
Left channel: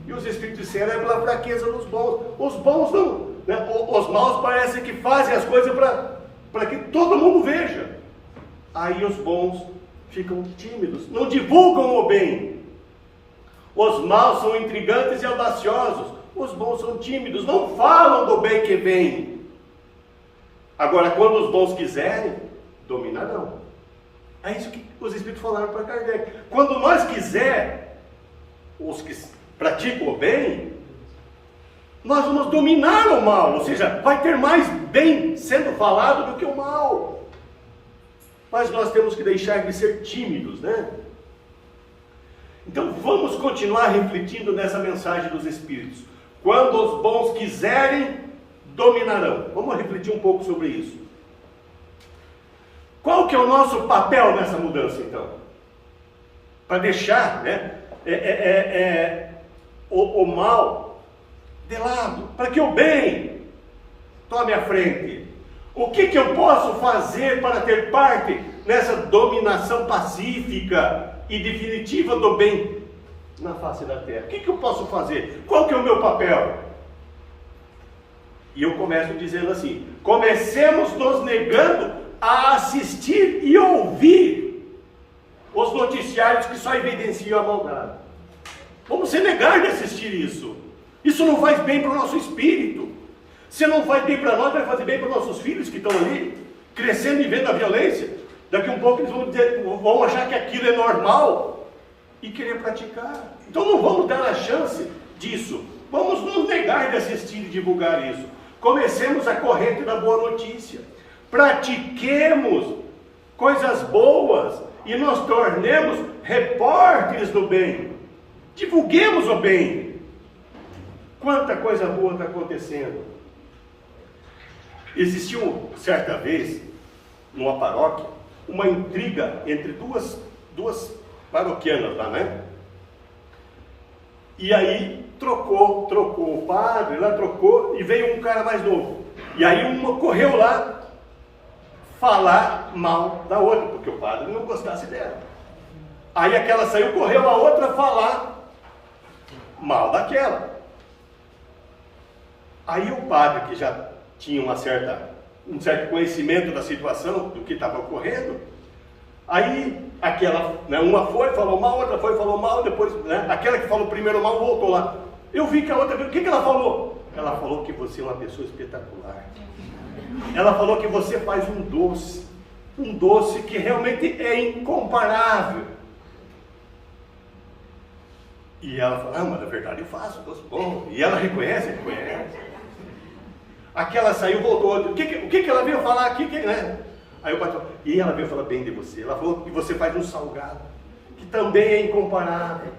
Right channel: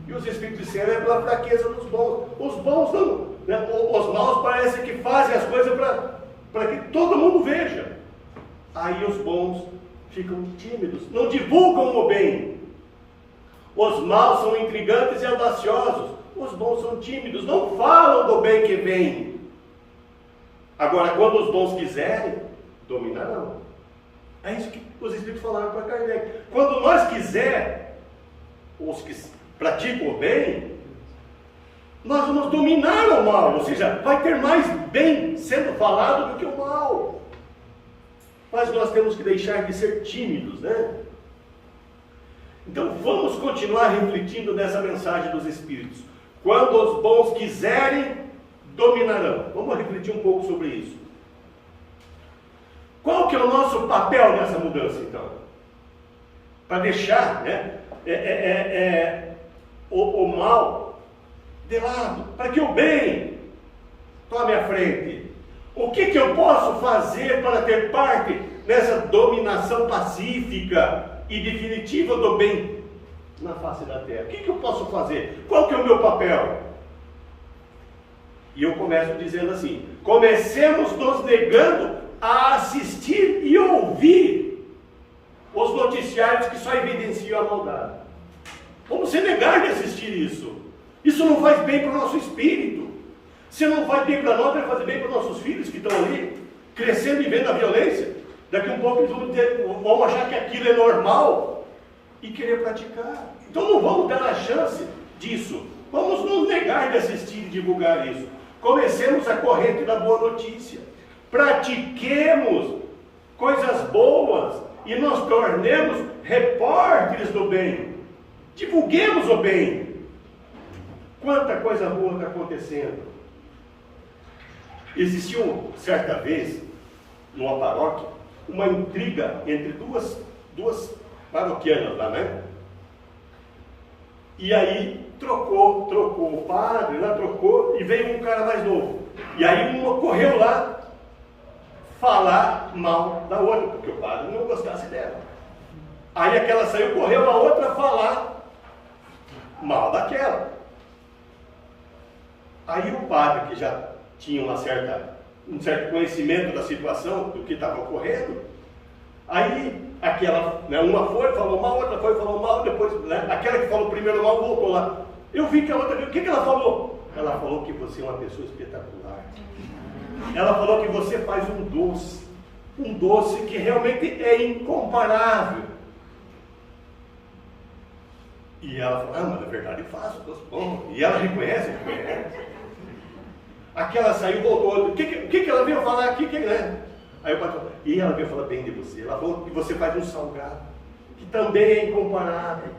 E os Espíritos disseram, é pela fraqueza dos bons. Os bons não, né? Os maus parecem que fazem as coisas para que todo mundo veja. Aí os bons ficam tímidos, não divulgam o bem. Os maus são intrigantes e audaciosos. Os bons são tímidos, não falam do bem que vem. Agora, quando os bons quiserem, dominarão. É isso que os Espíritos falaram para Kardec. Quando nós quiser, os que praticam o bem, nós vamos dominar o mal. Ou seja, vai ter mais bem sendo falado do que o mal. Mas nós temos que deixar de ser tímidos, né? Então vamos continuar refletindo nessa mensagem dos Espíritos. Quando os bons quiserem, dominarão. Vamos refletir um pouco sobre isso. Qual que é o nosso papel nessa mudança, então? Para deixar, né, o mal de lado, para que o bem tome a frente. O que eu posso fazer para ter parte nessa dominação pacífica e definitiva do bem na face da terra? O que eu posso fazer? Qual que é o meu papel? E eu começo dizendo assim, comecemos nos negando a assistir e ouvir os noticiários que só evidenciam a maldade. Vamos se negar de assistir isso. Isso não faz bem para o nosso espírito. Se não faz bem para nós, vai fazer bem para os nossos filhos que estão ali, crescendo e vendo a violência. Daqui um pouco eles vão achar que aquilo é normal e querer praticar. Então não vamos dar a chance disso. Vamos nos negar de assistir e divulgar isso. Comecemos a corrente da boa notícia. Pratiquemos coisas boas e nos tornemos repórteres do bem. Divulguemos o bem. Quanta coisa boa está acontecendo. Existiu, certa vez, numa paróquia, uma intriga entre duas paroquianas lá, né? E aí trocou o padre, lá trocou, e veio um cara mais novo. E aí uma correu lá falar mal da outra, porque o padre não gostasse dela. Aí aquela saiu, correu a outra falar mal daquela. Aí o padre, que já tinha um certo conhecimento da situação, do que estava ocorrendo, Aí, aquela, né, uma foi, falou mal, outra foi, falou mal, depois, né, aquela que falou primeiro mal voltou lá. Eu vi que a outra, o que ela falou? Ela falou que você é uma pessoa espetacular. Ela falou que você faz um doce que realmente é incomparável. E ela falou, mas na verdade eu faço doce bom. E ela reconhece. Aquela saiu, voltou, o que ela veio falar aqui, né? Aí o pai falou, e ela veio falar bem de você. Ela falou que você faz um salgado, que também é incomparável.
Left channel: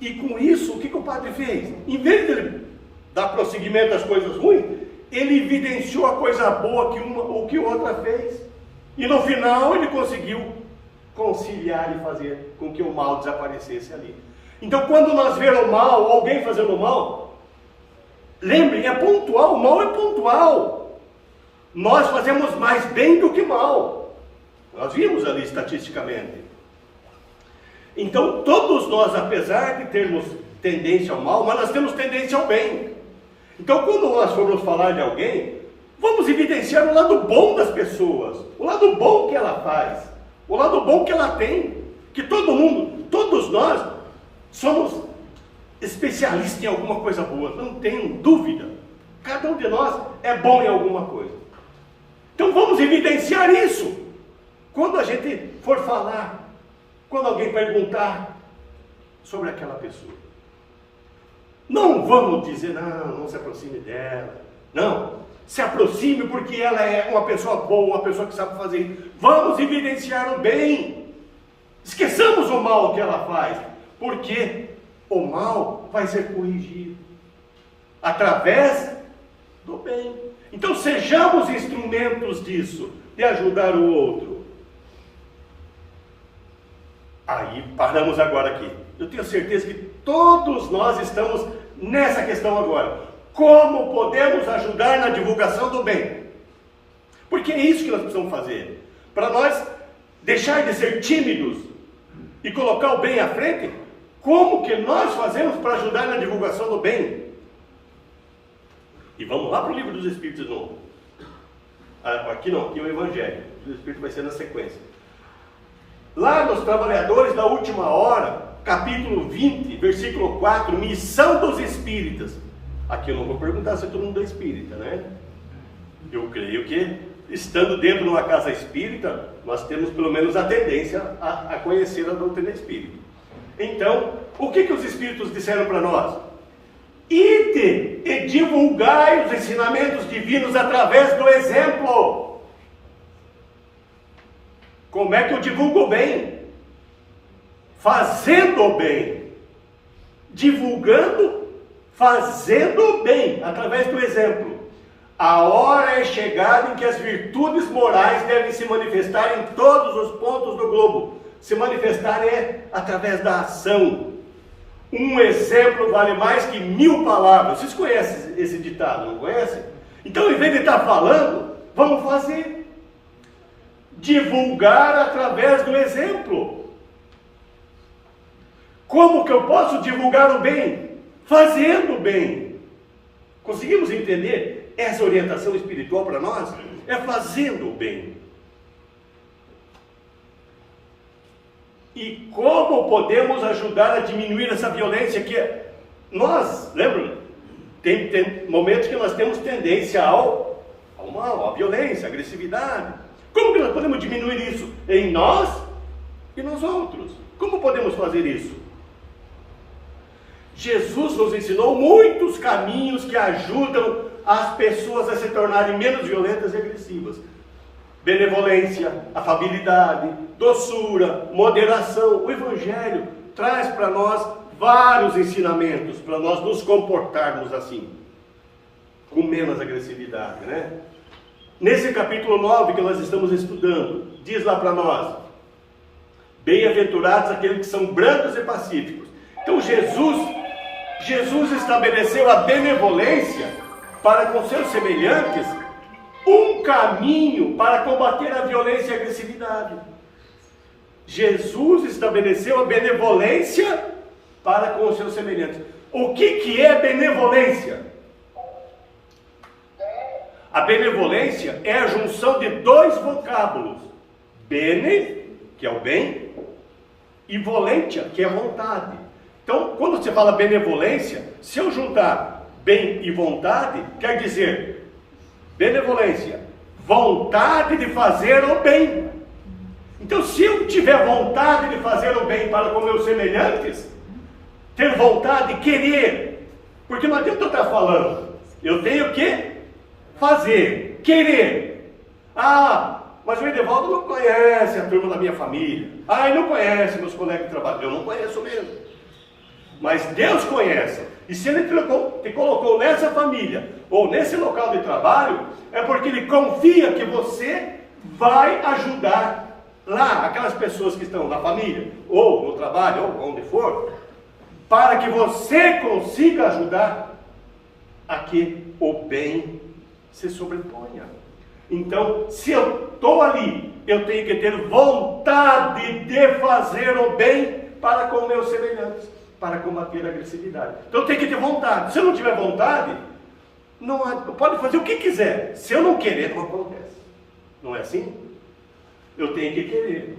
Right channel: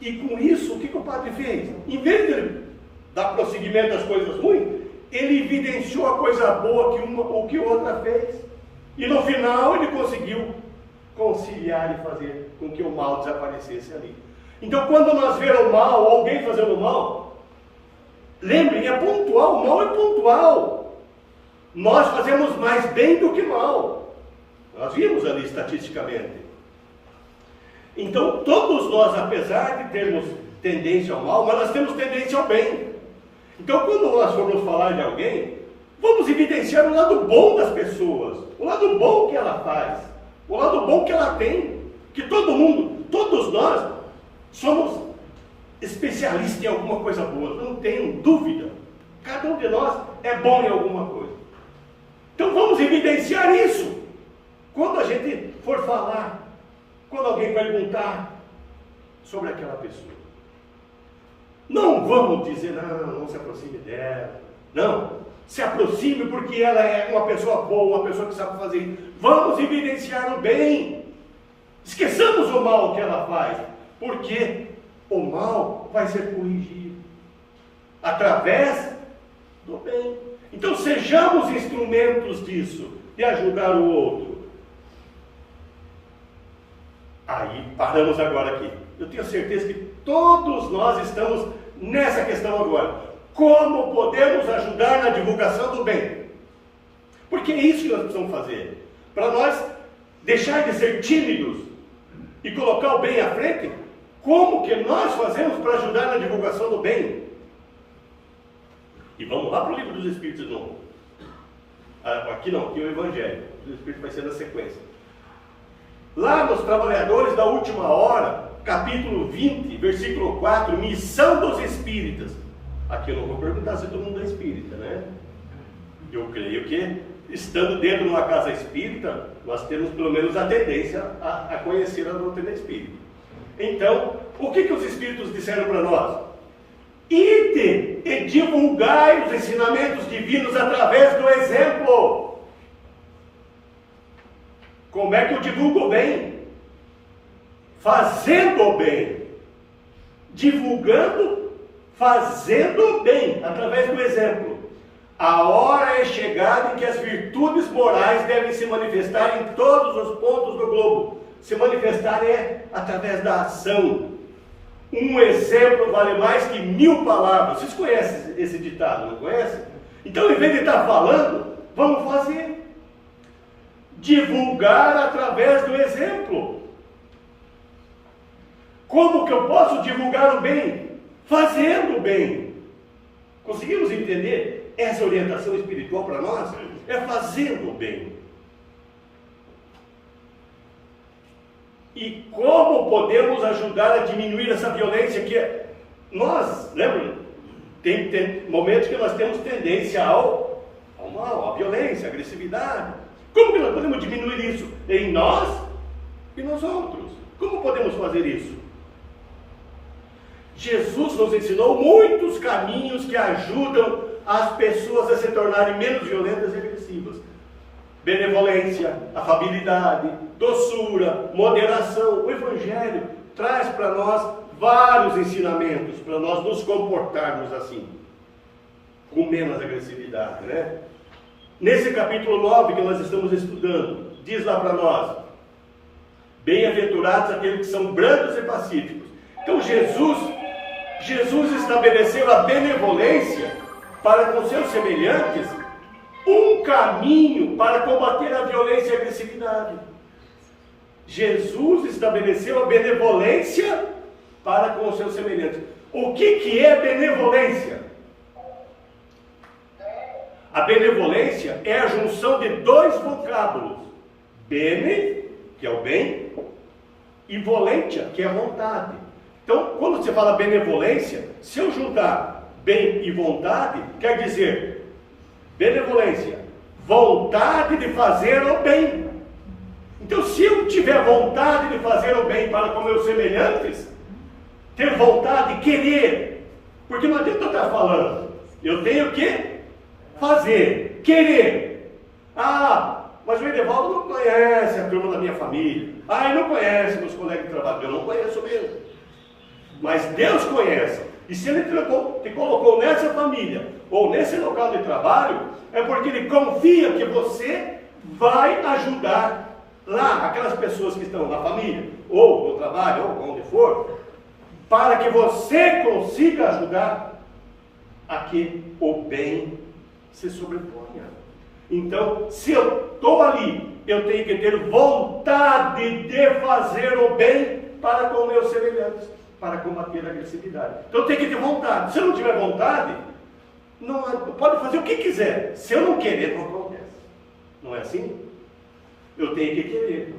E com isso, o que o padre fez? Em vez de ele dar prosseguimento às coisas ruins, ele evidenciou a coisa boa que uma ou que outra fez. E no final ele conseguiu conciliar e fazer com que o mal desaparecesse ali. Então quando nós vemos o mal, ou alguém fazendo mal, lembrem, é pontual, o mal é pontual. Nós fazemos mais bem do que mal. Nós vimos ali estatisticamente. Então todos nós, apesar de termos tendência ao mal, mas nós temos tendência ao bem. Então quando nós formos falar de alguém, vamos evidenciar o lado bom das pessoas, o lado bom que ela faz, o lado bom que ela tem, que todo mundo, todos nós, somos especialistas em alguma coisa boa, não tenho dúvida. Cada um de nós é bom em alguma coisa. Então vamos evidenciar isso. Quando a gente for falar, quando alguém perguntar sobre aquela pessoa, não vamos dizer, não se aproxime dela. Não, se aproxime porque ela é uma pessoa boa, uma pessoa que sabe fazer isso. Vamos evidenciar o bem. Esqueçamos o mal que ela faz, porque o mal vai ser corrigido através do bem. Então sejamos instrumentos disso, de ajudar o outro. Aí paramos agora aqui. Eu tenho certeza que todos nós estamos nessa questão agora. Como podemos ajudar na divulgação do bem? Porque é isso que nós precisamos fazer. Para nós deixar de ser tímidos e colocar o bem à frente, como que nós fazemos para ajudar na divulgação do bem? E vamos lá para o Livro dos Espíritos de novo. Aqui não, aqui é o Evangelho. O Espírito vai ser na sequência. Lá nos Trabalhadores da Última Hora, capítulo 20, versículo 4, missão dos espíritas. Aqui eu não vou perguntar se todo mundo é espírita, né? Eu creio que, estando dentro de uma casa espírita, nós temos pelo menos a tendência a conhecer a doutrina espírita. Então, o que os espíritos disseram para nós? Ide e divulgai os ensinamentos divinos através do exemplo. Como é que eu divulgo o bem? Fazendo o bem. Divulgando, fazendo o bem, através do exemplo. A hora é chegada em que as virtudes morais devem se manifestar em todos os pontos do globo. Se manifestar é através da ação. Um exemplo vale mais que 1000 palavras. Vocês conhecem esse ditado, não conhecem? Então, em vez de estar falando, vamos fazer. Divulgar através do exemplo. Como que eu posso divulgar o bem? Fazendo o bem. Conseguimos entender essa orientação espiritual para nós? É fazendo o bem. E como podemos ajudar a diminuir essa violência que nós, lembra? Tem momentos que nós temos tendência ao mal, à violência, à agressividade. Como que nós podemos diminuir isso? Em nós e nos outros. Como podemos fazer isso? Jesus nos ensinou muitos caminhos que ajudam as pessoas a se tornarem menos violentas e agressivas. Benevolência, afabilidade, doçura, moderação. O Evangelho traz para nós vários ensinamentos para nós nos comportarmos assim, com menos agressividade, né? Nesse capítulo 9 que nós estamos estudando, diz lá para nós: bem-aventurados aqueles que são brancos e pacíficos. Então Jesus estabeleceu a benevolência para com seus semelhantes, um caminho para combater a violência e a agressividade. Jesus estabeleceu a benevolência para com os seus semelhantes. O que é benevolência? A benevolência é a junção de dois vocábulos: Bene, que é o bem, e volentia, que é vontade. Então, quando você fala benevolência, se eu juntar bem e vontade, quer dizer benevolência, vontade de fazer o bem. Então, se eu tiver vontade de fazer o bem para com meus semelhantes, ter vontade, querer, porque não adianta eu estar falando, eu tenho que fazer, querer. Mas o Edevaldo não conhece a turma da minha família. Ele não conhece meus colegas de trabalho. Eu não conheço mesmo. Mas Deus conhece. E se Ele te colocou nessa família, ou nesse local de trabalho, é porque Ele confia que você vai ajudar lá, aquelas pessoas que estão na família, ou no trabalho, ou onde for, para que você consiga ajudar a que o bem se sobreponha. Então, se eu estou ali, eu tenho que ter vontade de fazer o bem para com meus semelhantes, para combater a agressividade. Então, eu tenho que ter vontade. Se eu não tiver vontade, não pode fazer o que quiser. Se eu não querer, não acontece. Não é assim? Eu tenho que querer.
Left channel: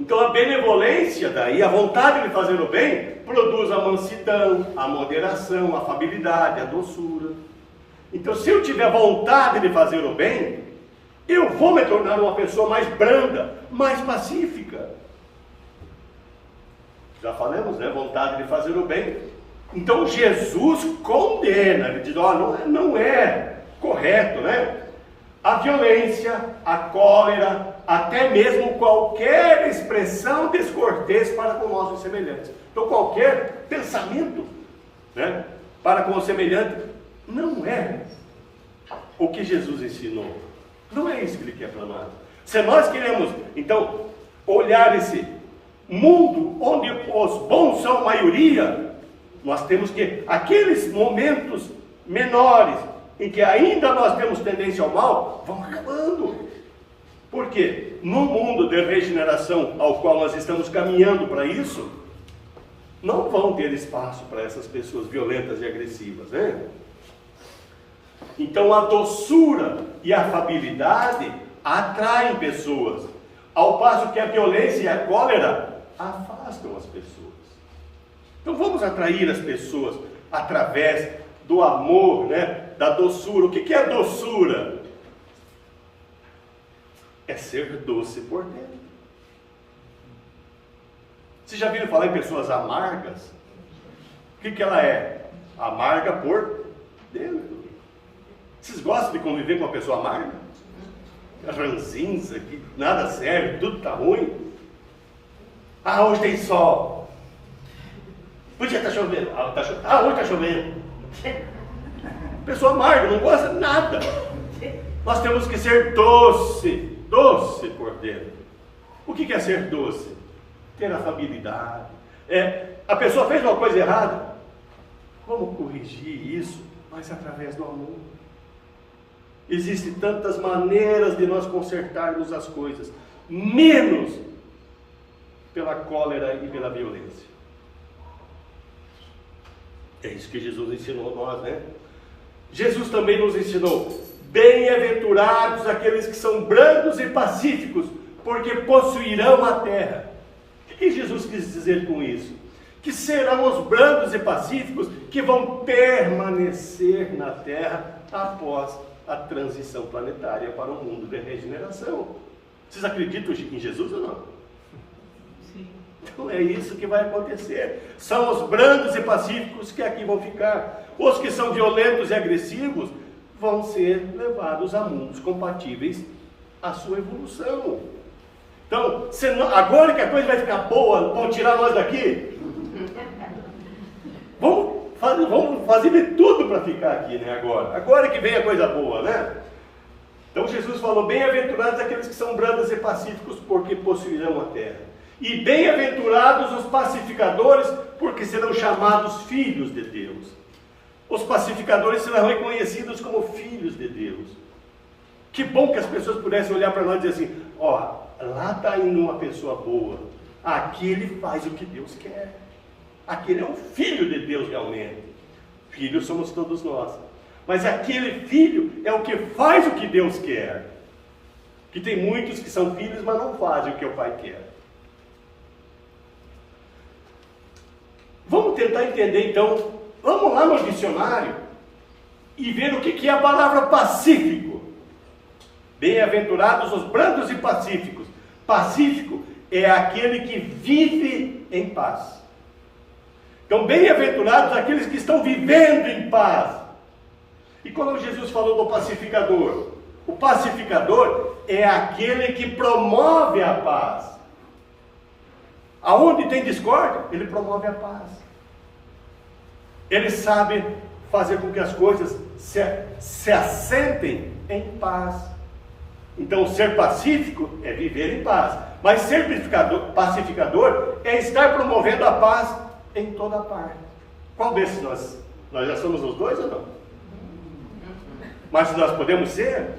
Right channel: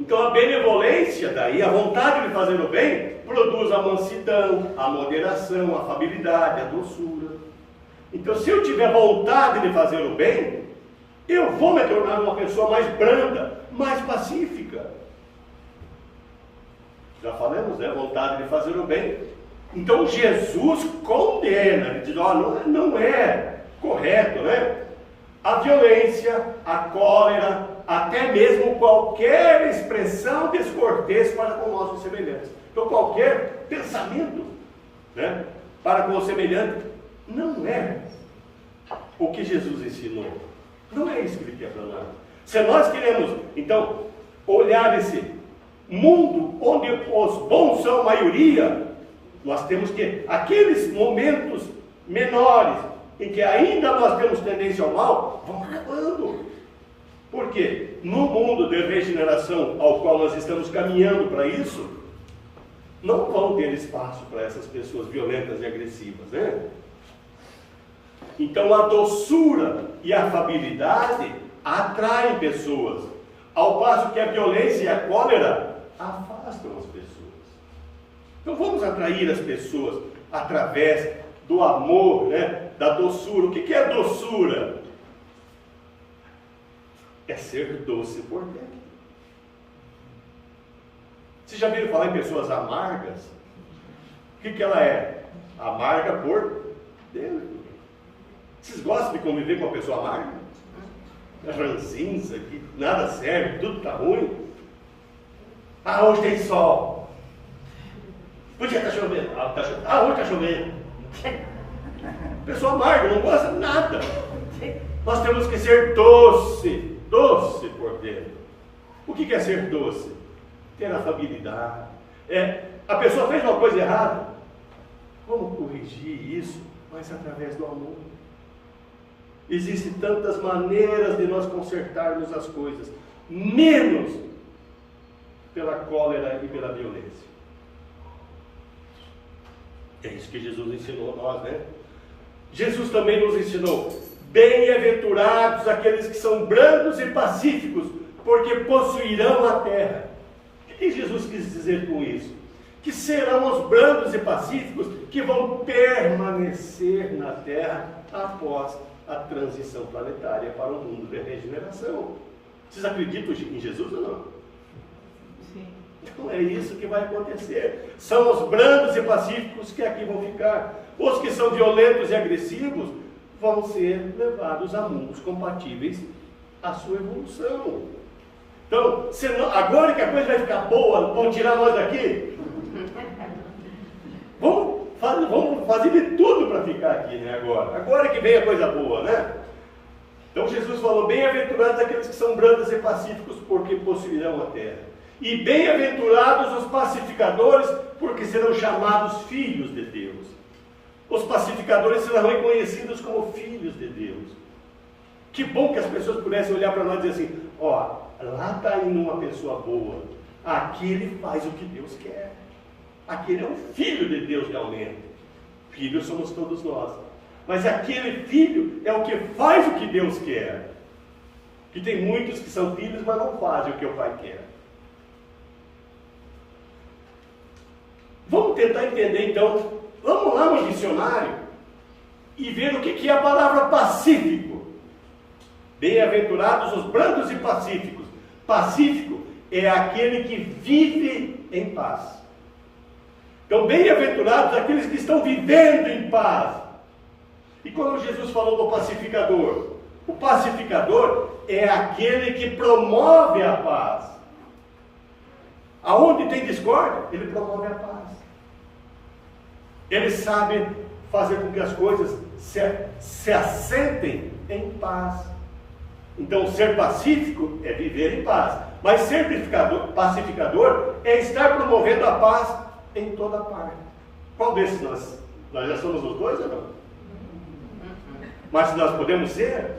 Então, a benevolência daí, a vontade de fazer o bem, produz a mansidão, a moderação, a afabilidade, a doçura. Então, se eu tiver vontade de fazer o bem, eu vou me tornar uma pessoa mais branda, mais pacífica. Já falamos, né? Vontade de fazer o bem. Então, Jesus condena, ele diz, não é correto, né? A violência, a cólera, até mesmo qualquer expressão descortês para com nossos semelhantes. Então, qualquer pensamento, né, para com o semelhante, não é o que Jesus ensinou. Não é isso que Ele quer para nós. Se nós queremos, então, olhar esse mundo onde os bons são a maioria, nós temos que, aqueles momentos menores, em que ainda nós temos tendência ao mal, vão acabando. Por quê? No mundo de regeneração ao qual nós estamos caminhando para isso, não vão ter espaço para essas pessoas violentas e agressivas, né? Então a doçura e a afabilidade atraem pessoas, ao passo que a violência e a cólera afastam as pessoas. Então vamos atrair as pessoas através do amor, né? Da doçura. O que é doçura? É ser doce por dentro. Vocês já viram falar em pessoas amargas? O que ela é? Amarga por dentro. Vocês gostam de conviver com uma pessoa amarga? Ranzinza, que nada serve, tudo está ruim. Hoje tem sol. Podia estar chovendo. Hoje está chovendo. Pessoa amarga, não gosta de nada. Nós temos que ser doce por dentro. O que é ser doce? Ter afabilidade. A pessoa fez uma coisa errada. Vamos corrigir isso, mas através do amor. Existem tantas maneiras de nós consertarmos as coisas, menos pela cólera e pela violência. É isso que Jesus ensinou a nós, né? Jesus também nos ensinou: bem-aventurados aqueles que são brandos e pacíficos, porque possuirão a terra. O que Jesus quis dizer com isso? Que serão os brandos e pacíficos que vão permanecer na terra após a transição planetária para o mundo de regeneração. Vocês acreditam em Jesus ou não? Sim. Então é isso que vai acontecer. São os brandos e pacíficos que aqui vão ficar. Os que são violentos e agressivos vão ser levados a mundos compatíveis à sua evolução. Então, agora que a coisa vai ficar boa, vão tirar nós daqui? Vamos fazer de tudo para ficar aqui, né, agora que vem a coisa boa, né? Então Jesus falou: bem-aventurados aqueles que são brandos e pacíficos, porque possuirão a terra. E bem-aventurados os pacificadores, porque serão chamados filhos de Deus. Os pacificadores serão reconhecidos como filhos de Deus. Que bom que as pessoas pudessem olhar para nós e dizer assim: lá está indo uma pessoa boa, aqui ele faz o que Deus quer. Aquele é um filho de Deus realmente. Filhos somos todos nós. Mas aquele filho é o que faz o que Deus quer. Que tem muitos que são filhos, mas não fazem o que o pai quer. Vamos tentar entender então, vamos lá no dicionário e ver o que é a palavra pacífico. Bem-aventurados os brandos e pacíficos. Pacífico é aquele que vive em paz. Então, bem-aventurados aqueles que estão vivendo em paz. E quando Jesus falou do pacificador, o pacificador é aquele que promove a paz. Aonde tem discórdia, ele promove a paz. Ele sabe fazer com que as coisas se assentem em paz. Então, ser pacífico é viver em paz. Mas ser pacificador é estar promovendo a paz em toda parte. Qual desses nós já somos os dois ou não? Mas nós podemos ser?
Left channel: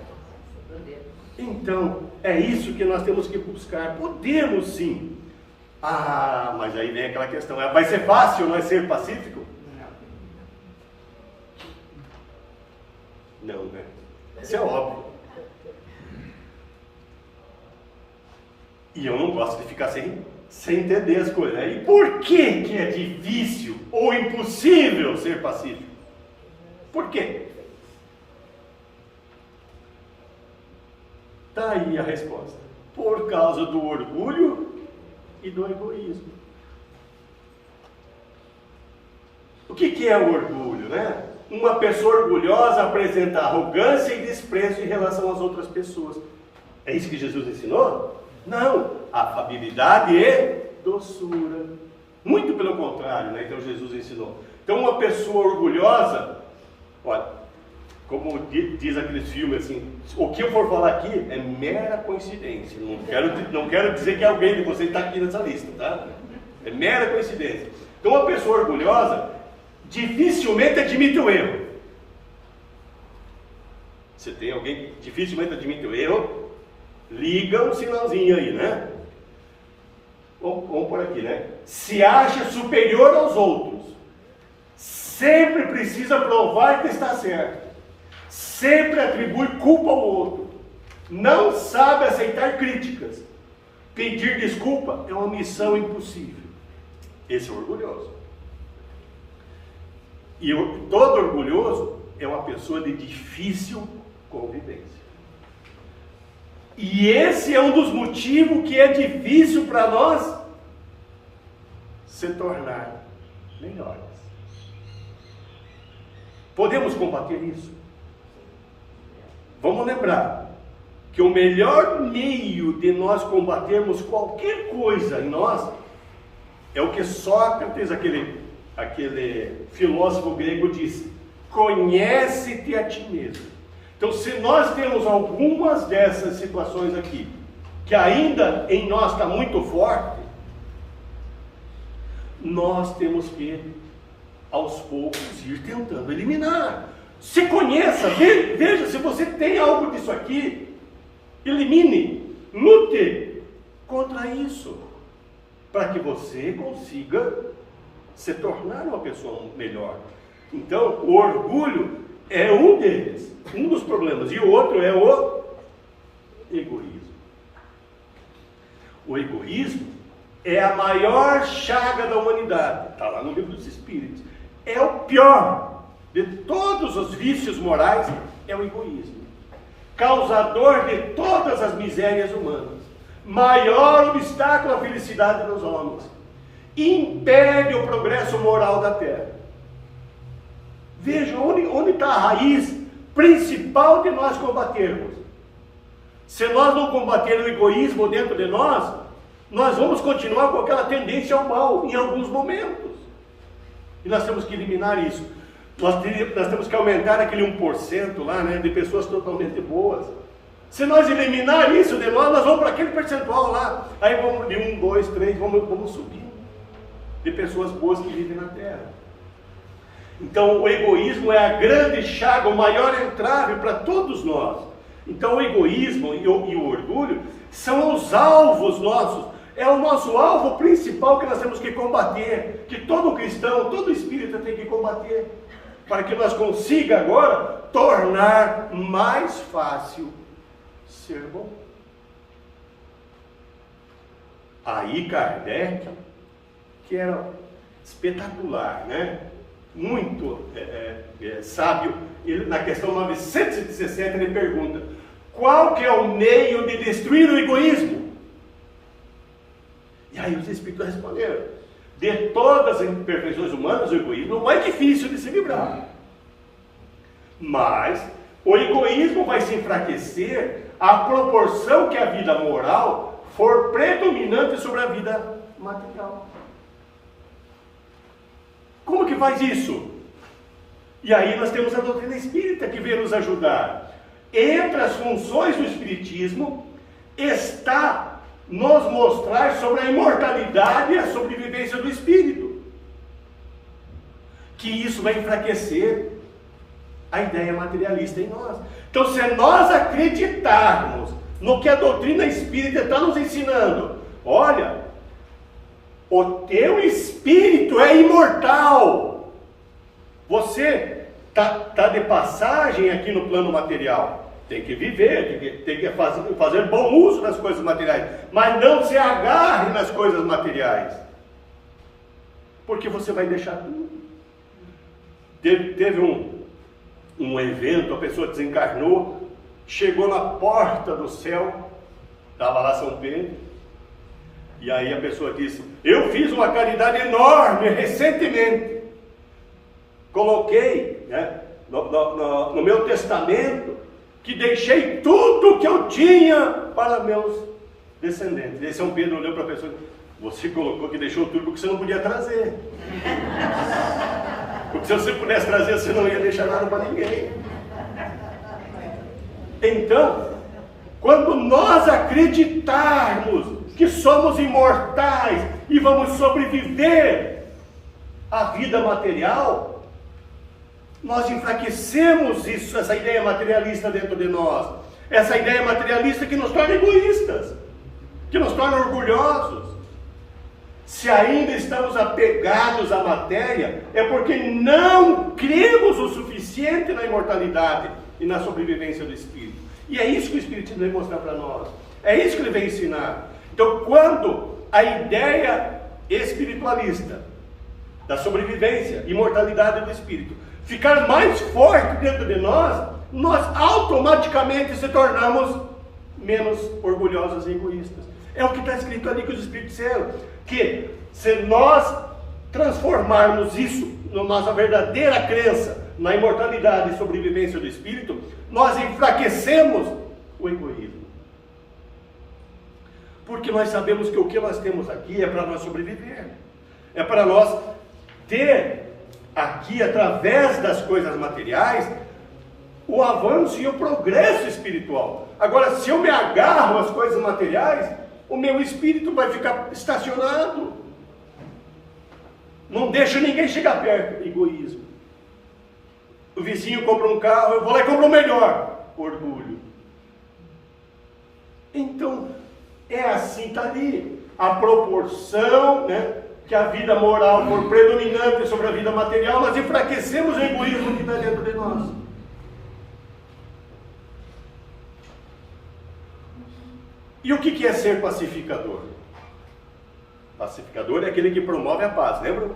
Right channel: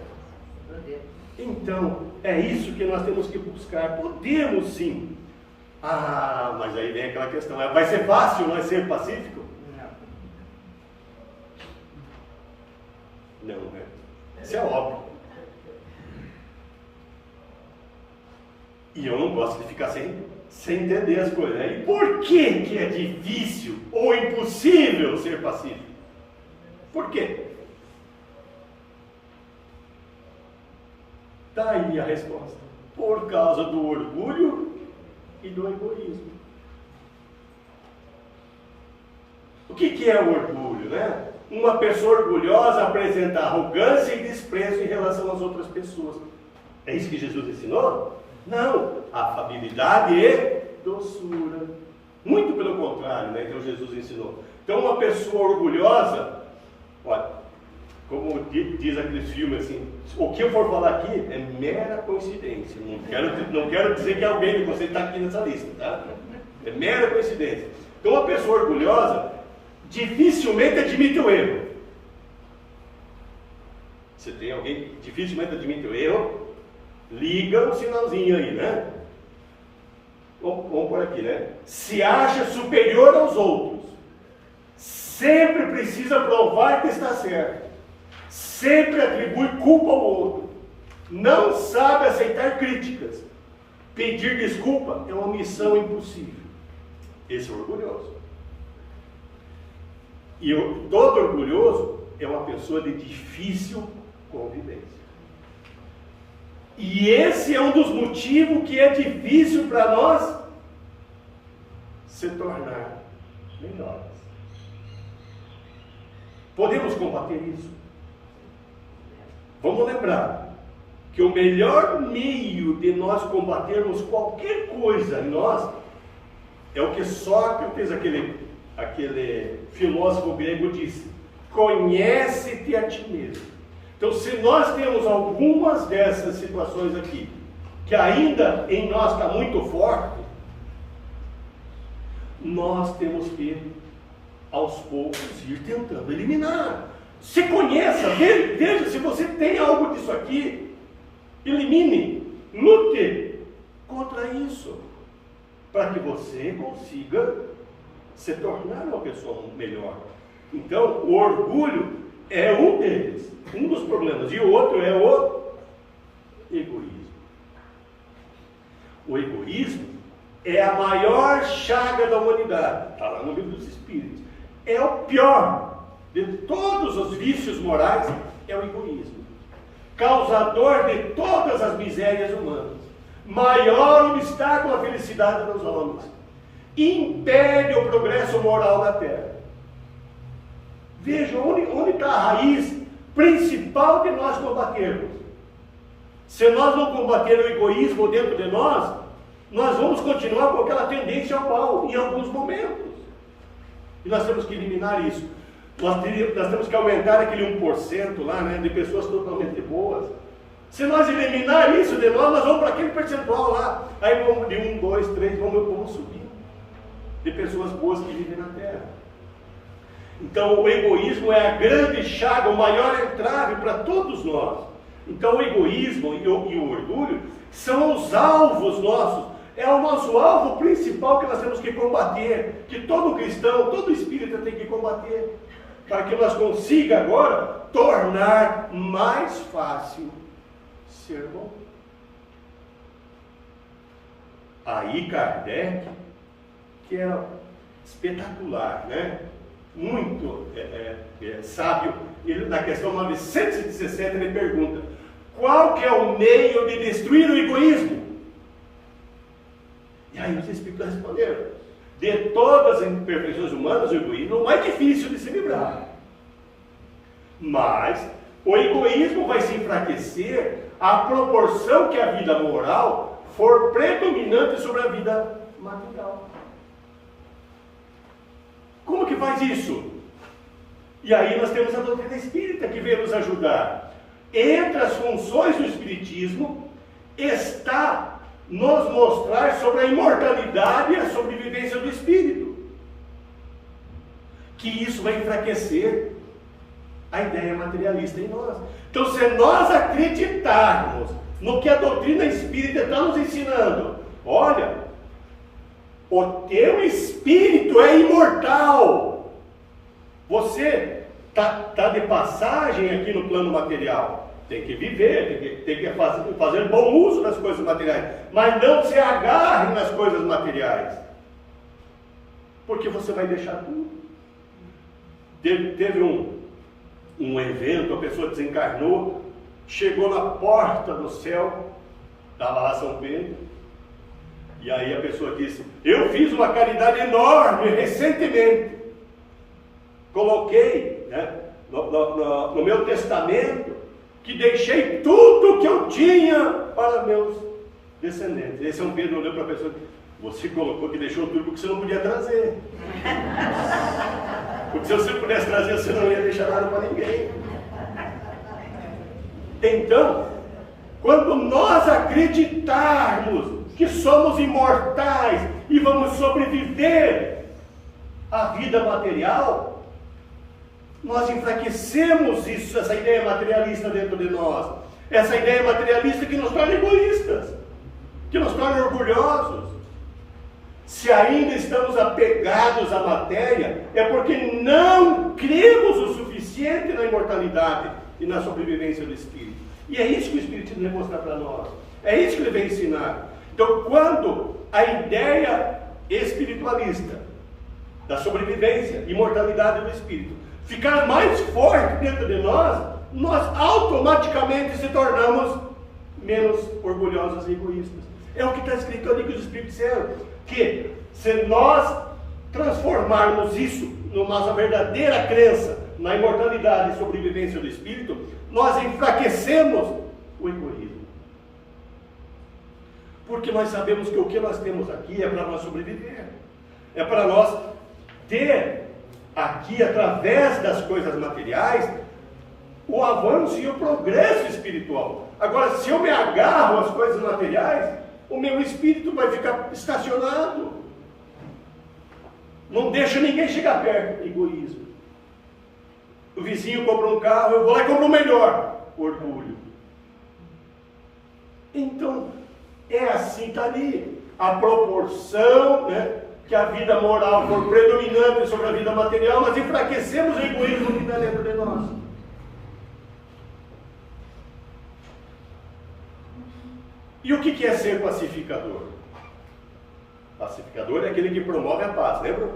Então, é isso que nós temos que buscar. Podemos sim. Ah, mas aí vem aquela questão. Vai ser fácil não é ser pacífico? Não, né? Isso é óbvio. E eu não gosto de ficar sem entender as coisas. E por que é difícil ou impossível ser pacífico? Por quê? Está aí a resposta. Por causa do orgulho e do egoísmo. O que é o orgulho, né? Uma pessoa orgulhosa apresenta arrogância e desprezo em relação às outras pessoas. É isso que Jesus ensinou? Não, afabilidade e doçura. Muito pelo contrário, né? Então Jesus ensinou. Então uma pessoa orgulhosa, olha, como diz aqueles filmes assim, o que eu for falar aqui é mera coincidência. Não quero dizer que alguém de vocês está aqui nessa lista, tá? É mera coincidência. Então uma pessoa orgulhosa dificilmente admite o erro. Se tem alguém que dificilmente admite o erro, liga um sinalzinho aí, né? Vamos por aqui, né? Se acha superior aos outros. Sempre precisa provar que está certo. Sempre atribui culpa ao outro. Não sabe aceitar críticas. Pedir desculpa é uma missão impossível. Esse é orgulhoso. E todo orgulhoso é uma pessoa de difícil convivência. E esse é um dos motivos que é difícil para nós se tornar melhores. Podemos combater isso? Vamos lembrar que o melhor meio de nós combatermos qualquer coisa em nós é o que Sócrates, aquele filósofo grego, disse: conhece-te a ti mesmo. Então, se nós temos algumas dessas situações aqui, que ainda em nós está muito forte, nós temos que, aos poucos, ir tentando eliminar. Se conheça, veja se você tem algo disso aqui, elimine, lute contra isso, para que você consiga se tornar uma pessoa melhor. Então, o orgulho é um deles, um dos problemas, e o outro é o egoísmo. O egoísmo é a maior chaga da humanidade, está lá no livro dos Espíritos. É o pior de todos os vícios morais, é o egoísmo. Causador de todas as misérias humanas. Maior obstáculo à felicidade dos homens. Impede o progresso moral da Terra. Veja onde está a raiz principal de nós combatermos. Se nós não combater o egoísmo dentro de nós vamos continuar com aquela tendência ao mal em alguns momentos. E nós temos que eliminar isso. Nós temos que aumentar aquele 1% lá, né, de pessoas totalmente boas. Se nós eliminar isso de nós vamos para aquele percentual lá. Aí vamos de 1, 2, 3, vamos subindo de pessoas boas que vivem na Terra. Então o egoísmo é a grande chaga, o maior entrave para todos nós. Então o egoísmo e o orgulho são os alvos nossos. É o nosso alvo principal que nós temos que combater, que todo cristão, todo espírita tem que combater, para que nós consiga agora tornar mais fácil ser bom. Aí Kardec, que era espetacular, né? Muito sábio, ele, na questão 917, ele pergunta: qual que é o meio de destruir o egoísmo? E aí os espíritos responderam: de todas as imperfeições humanas, o egoísmo é o mais difícil de se livrar. Mas o egoísmo vai se enfraquecer à proporção que a vida moral for predominante sobre a vida material. Como que faz isso? E aí nós temos a doutrina espírita que vem nos ajudar. Entre as funções do espiritismo está nos mostrar sobre a imortalidade e a sobrevivência do espírito. Que isso vai enfraquecer a ideia materialista em nós. Então, se nós acreditarmos no que a doutrina espírita está nos ensinando, olha, o teu espírito é imortal. Você está de passagem aqui no plano material. Tem que viver, tem que fazer bom uso das coisas materiais. Mas não se agarre nas coisas materiais. Porque você vai deixar tudo. Teve um evento, a pessoa desencarnou, chegou na porta do céu, estava lá São Pedro, e aí a pessoa disse: eu fiz uma caridade enorme recentemente, coloquei, né, no meu testamento, que deixei tudo que eu tinha para meus descendentes. E aí São Pedro olhou para a pessoa e disse: você colocou que deixou tudo porque você não podia trazer. Porque se você pudesse trazer, você não ia deixar nada para ninguém. Então, quando nós acreditarmos que somos imortais e vamos sobreviver à vida material, nós enfraquecemos isso, essa ideia materialista dentro de nós. Essa ideia materialista que nos torna egoístas, que nos torna orgulhosos. Se ainda estamos apegados à matéria, é porque não cremos o suficiente na imortalidade e na sobrevivência do Espírito. E é isso que o Espiritismo vem mostrar para nós. É isso que ele vem ensinar. Então, quando a ideia espiritualista da sobrevivência, imortalidade do Espírito, ficar mais forte dentro de nós, nós automaticamente se tornamos menos orgulhosos e egoístas. É o que está escrito ali que os Espíritos disseram, que se nós transformarmos isso na nossa verdadeira crença na imortalidade e sobrevivência do Espírito, nós enfraquecemos o egoísmo. Porque nós sabemos que o que nós temos aqui é para nós sobreviver. É para nós ter aqui, através das coisas materiais, o avanço e o progresso espiritual. Agora, se eu me agarro às coisas materiais, o meu espírito vai ficar estacionado. Não deixa ninguém chegar perto. Egoísmo. O vizinho compra um carro, eu vou lá e compro o melhor. Orgulho. Então, é assim, está ali. A proporção, né, que a vida moral for predominante sobre a vida material, nós enfraquecemos o egoísmo que está dentro de nós. E o que é ser pacificador? Pacificador é aquele que promove a paz, lembra?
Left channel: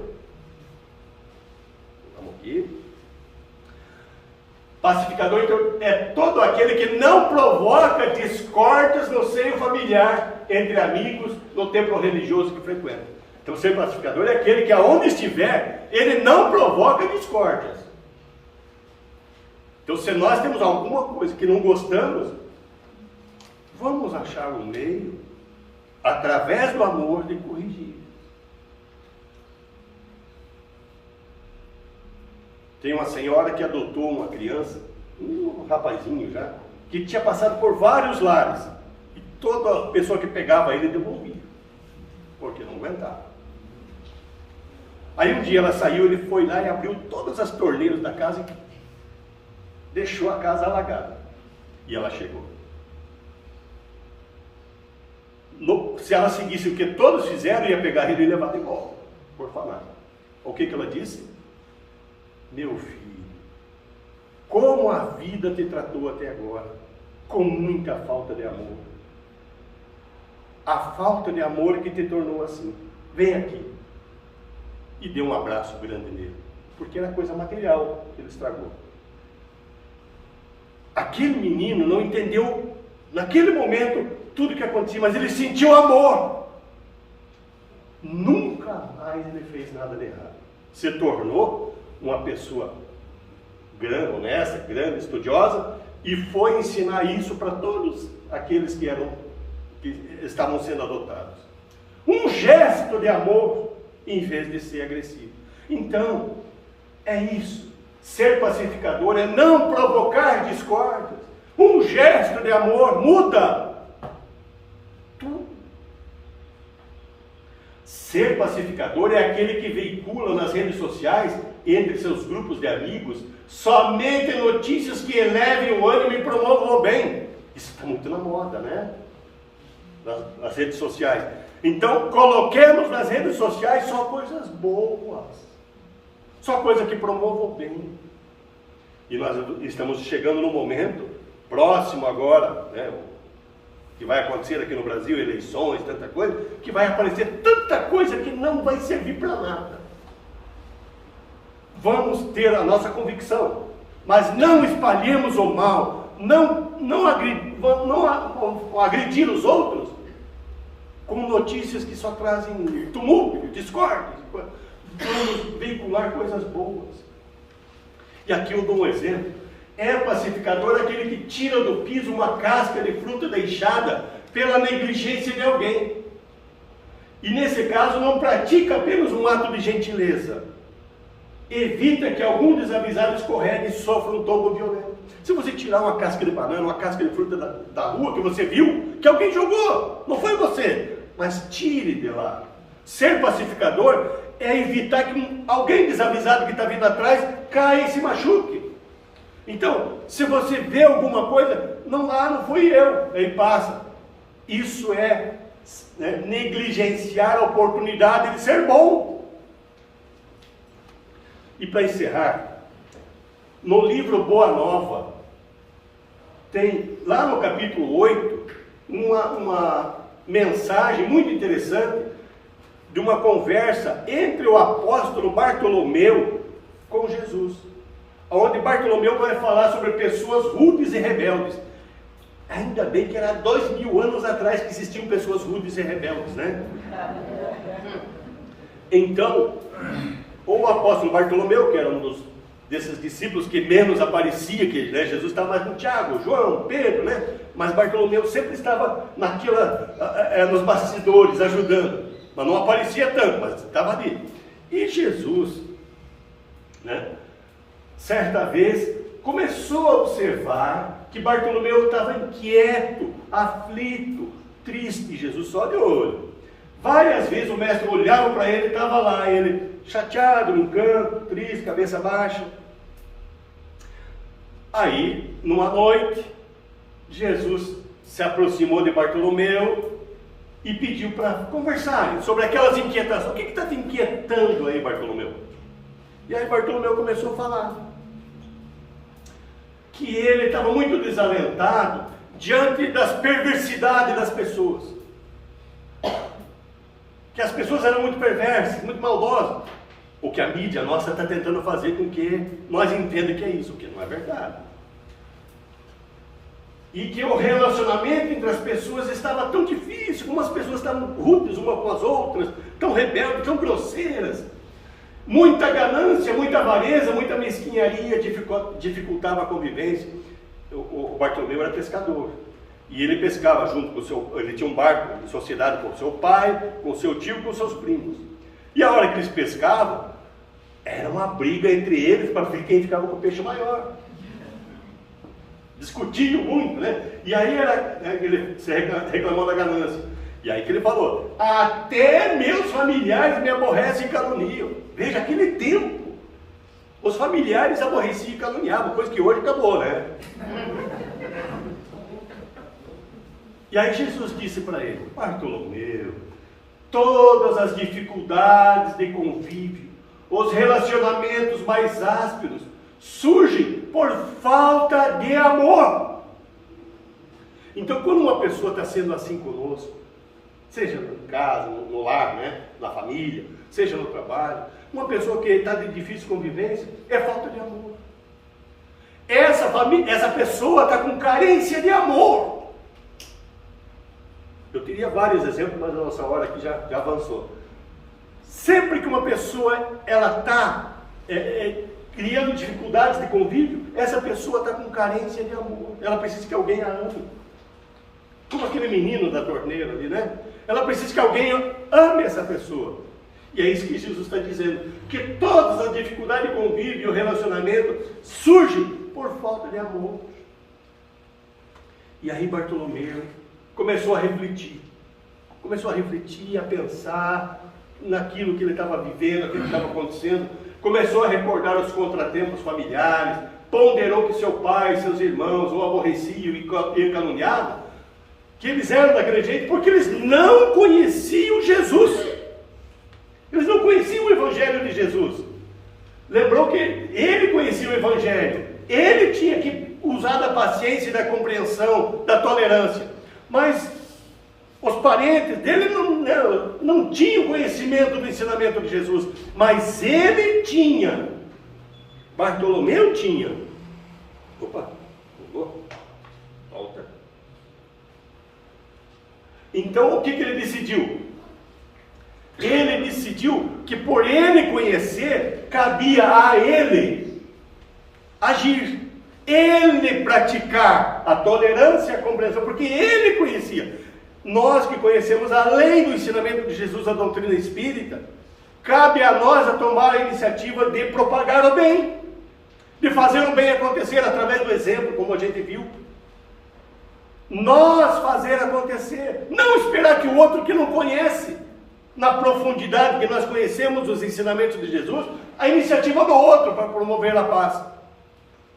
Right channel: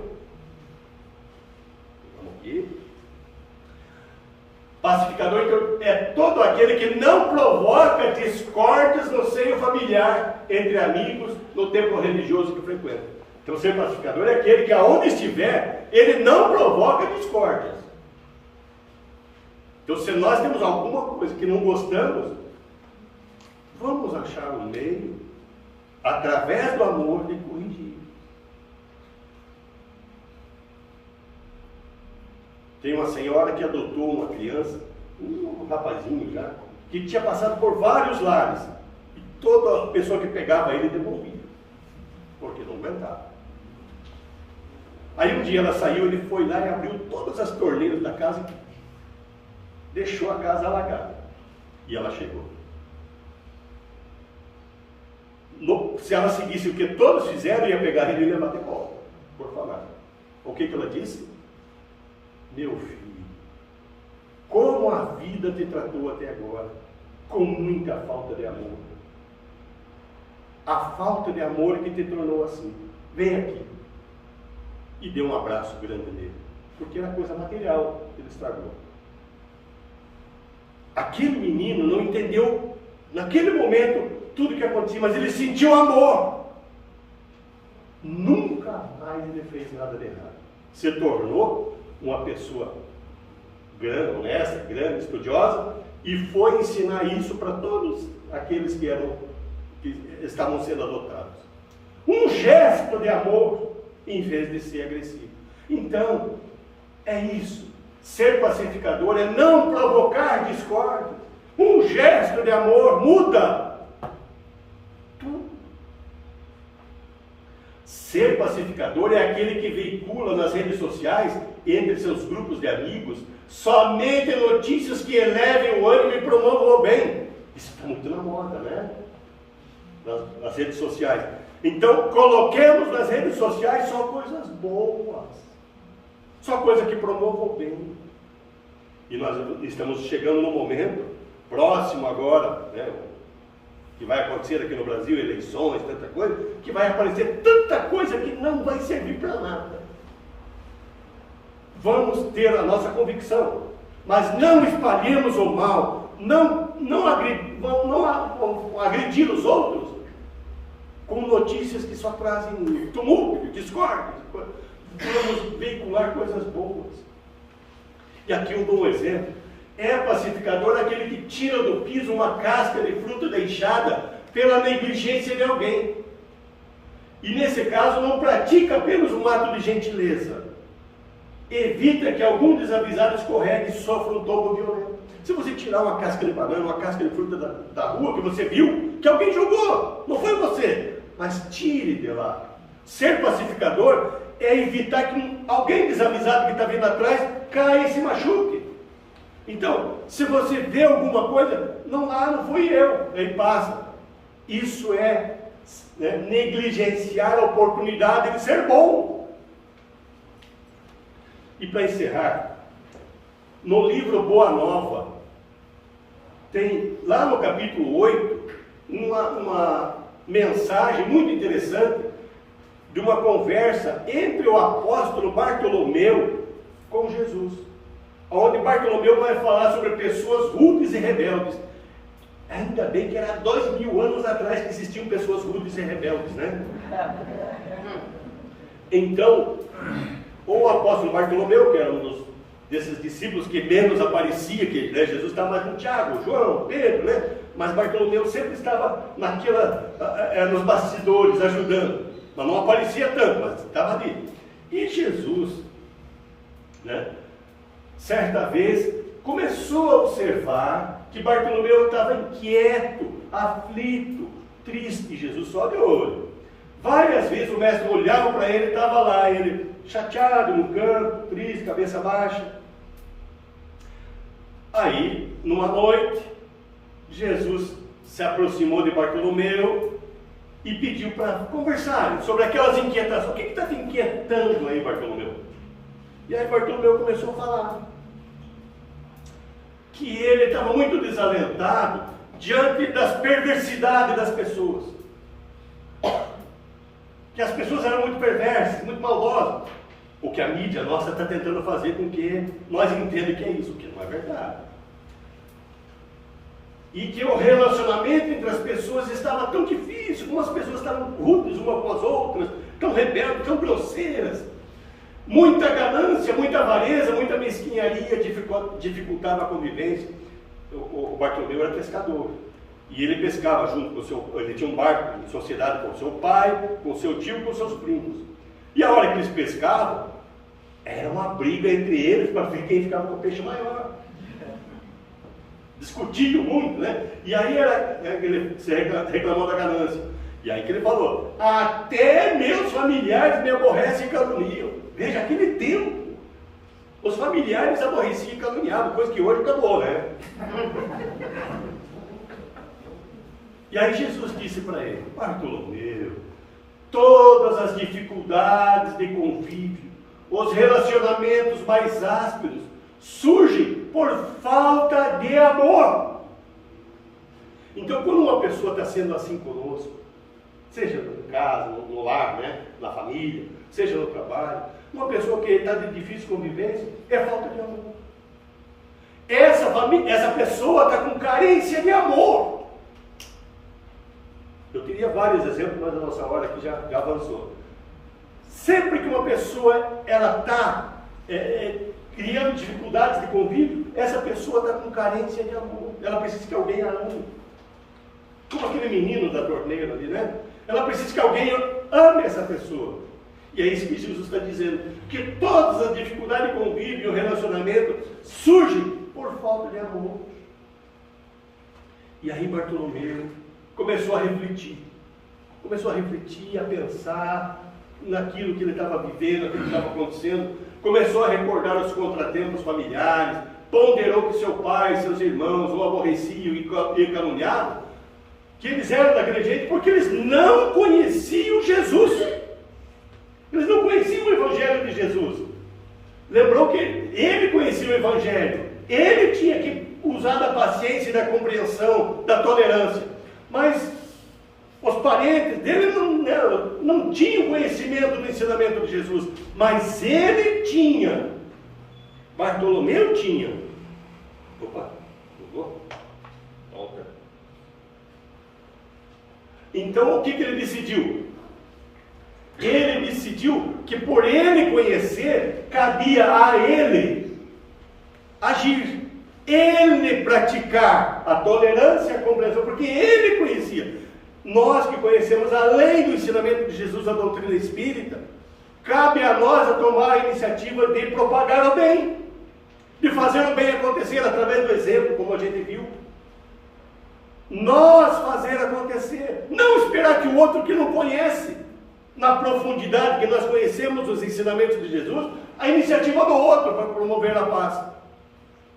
Vamos aqui. Pacificador então, é todo aquele que não provoca discórdias no seio familiar, entre amigos, no templo religioso que frequenta. Então, ser pacificador é aquele que, aonde estiver, ele não provoca discórdias. Então, se nós temos alguma coisa que não gostamos, vamos achar um meio, através do amor, de corrigir. Tem uma senhora que adotou uma criança, um rapazinho já, que tinha passado por vários lares. E toda pessoa que pegava ele devolvia, porque não aguentava. Aí um dia ela saiu, ele foi lá e abriu todas as torneiras da casa e deixou a casa alagada. E ela chegou. Se ela seguisse o que todos fizeram, ia pegar ele e levar de volta, por falar. O que ela disse? Meu filho, como a vida te tratou até agora, com muita falta de amor. a falta de amor que te tornou assim. Vem aqui. E deu um abraço grande nele, porque era coisa material que ele estragou. Aquele menino não entendeu, naquele momento, tudo o que acontecia, mas ele sentiu amor. Nunca mais ele fez nada de errado. Se tornou uma pessoa grande, honesta, grande, estudiosa, e foi ensinar isso para todos aqueles que estavam sendo adotados. Um gesto de amor, em vez de ser agressivo. Então, é isso. Ser pacificador é não provocar discórdias. Um gesto de amor muda tudo. Ser pacificador é aquele que veicula nas redes sociais, entre seus grupos de amigos, somente notícias que elevem o ânimo e promovam o bem. Isso está muito na moda, né? Nas redes sociais. Então, coloquemos nas redes sociais só coisas boas. Só coisa que promova o bem. E nós estamos chegando num momento próximo agora, né, que vai acontecer aqui no Brasil, eleições, tanta coisa, que vai aparecer tanta coisa que não vai servir para nada. Vamos ter a nossa convicção, mas não espalhemos o mal, não agredir os outros com notícias que só trazem tumulto, discórdia. Vamos veicular coisas boas. E aqui eu dou um exemplo. É pacificador aquele que tira do piso uma casca de fruta deixada pela negligência de alguém. E nesse caso não pratica apenas um ato de gentileza. Evita que algum desavisado escorregue e sofra um tombo violento. Se você tirar uma casca de banana, uma casca de fruta da rua que você viu, que alguém jogou, não foi você, mas tire de lá. Ser pacificador é evitar que alguém desavisado que está vindo atrás caia e se machuque. Então, se você vê alguma coisa, não fui eu, aí passa. Isso é negligenciar a oportunidade de ser bom. E para encerrar, no livro Boa Nova, tem lá no capítulo 8, uma mensagem muito interessante de uma conversa entre o apóstolo Bartolomeu com Jesus, onde Bartolomeu vai falar sobre pessoas rudes e rebeldes. Ainda bem que era 2000 anos atrás que existiam pessoas rudes e rebeldes, né? Então, o apóstolo Bartolomeu, que era desses discípulos que menos aparecia, que Jesus estava mais com Tiago, João, Pedro, né? Mas Bartolomeu sempre estava nos bastidores, ajudando. Mas não aparecia tanto, mas estava ali. E Jesus, né, certa vez, começou a observar que Bartolomeu estava inquieto, aflito, triste. Jesus só de olho. Várias vezes o mestre olhava para ele e estava lá, ele chateado, num canto, triste, cabeça baixa. Aí, numa noite, Jesus se aproximou de Bartolomeu e pediu para conversarem sobre aquelas inquietações. O que está te inquietando aí, Bartolomeu? E aí Bartolomeu começou a falar que ele estava muito desalentado diante das perversidades das pessoas. Que as pessoas eram muito perversas, muito maldosas. O que a mídia nossa está tentando fazer com que nós entendamos que é isso, o que não é verdade. E que o relacionamento entre as pessoas estava tão difícil, como as pessoas estavam rudes umas com as outras, tão rebeldes, tão grosseiras. Muita ganância, muita avareza, muita mesquinharia dificultava a convivência. O Bartolomeu era pescador. E ele pescava junto com ele tinha um barco em sociedade com seu pai, com seu tio, com seus primos. E a hora que eles pescavam, era uma briga entre eles para ver quem ficava com o peixe maior. Discutiam muito, né? E aí ele reclamou da ganância. E aí que ele falou: até meus familiares me aborrecem e caluniam. Veja, aquele tempo, os familiares aborreciam e caluniavam, coisa que hoje acabou, né? E aí Jesus disse para ele: Bartolomeu, todas as dificuldades de convívio, os relacionamentos mais ásperos, surgem por falta de amor. Então, quando uma pessoa está sendo assim conosco, seja em casa, no lar, né? Na família, seja no trabalho. Uma pessoa que está de difícil convivência é falta de amor. Essa pessoa está com carência de amor. Eu teria vários exemplos, mas a nossa hora aqui já avançou. Sempre que uma pessoa está criando dificuldades de convívio, essa pessoa está com carência de amor. Ela precisa que alguém a ame. Como aquele menino da torneira ali, né? Ela precisa que alguém ame essa pessoa. E é isso que Jesus está dizendo. Que todas as dificuldades de convívio e o relacionamento surgem por falta de amor. E aí Bartolomeu começou a refletir. Começou a refletir, a pensar naquilo que ele estava vivendo, naquilo que estava acontecendo. Começou a recordar os contratempos familiares. Ponderou que seu pai e seus irmãos o aborreciam e caluniavam. Que eles eram daquele jeito porque eles não conheciam Jesus. Eles não conheciam o Evangelho de Jesus. Lembrou que ele conhecia o Evangelho. Ele tinha que usar da paciência e da compreensão, da tolerância. Mas os parentes dele não tinham conhecimento do ensinamento de Jesus. Mas ele tinha. Bartolomeu tinha. Opa, jogou? Volta. Então o que ele decidiu? Ele decidiu que por ele conhecer, cabia a ele agir, ele praticar a tolerância e a compreensão, porque ele conhecia. Nós que conhecemos, além do ensinamento de Jesus, a doutrina espírita, cabe a nós a tomar a iniciativa de propagar o bem, de fazer o bem acontecer através do exemplo, como a gente viu. Nós fazer acontecer, não esperar que o outro que não conhece, na profundidade que nós conhecemos os ensinamentos de Jesus, a iniciativa do outro para promover a paz.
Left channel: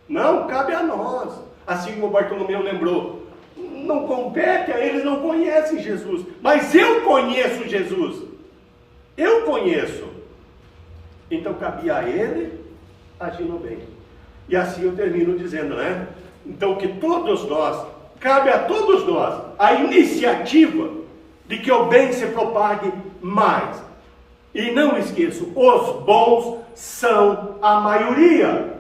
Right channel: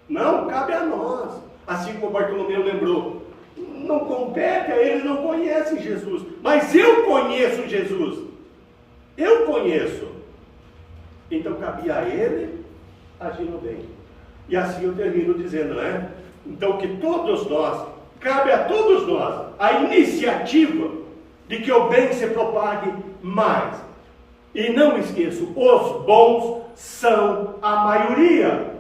Não, cabe a nós. Assim como Bartolomeu lembrou, não compete a eles, não conhecem Jesus, mas eu conheço Jesus. Eu conheço. Então cabia a ele agir no bem. E assim eu termino dizendo, né? Então que todos nós, cabe a todos nós a iniciativa de que o bem se propague mais. E não esqueço, os bons são a maioria.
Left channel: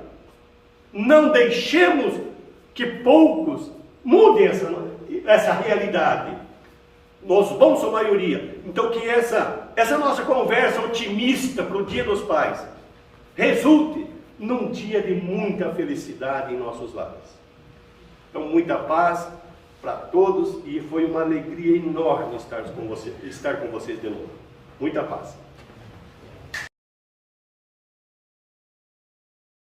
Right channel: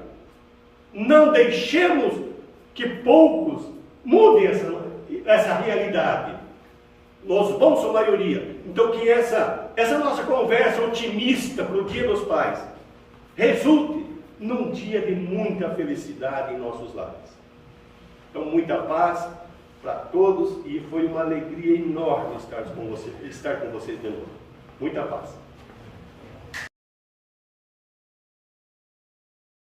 Não deixemos que poucos mudem essa realidade. Os bons são a maioria. Então que essa nossa conversa otimista para o Dia dos Pais resulte num dia de muita felicidade em nossos lares. Então muita paz para todos, e foi uma alegria enorme estar com vocês de novo. Muita paz.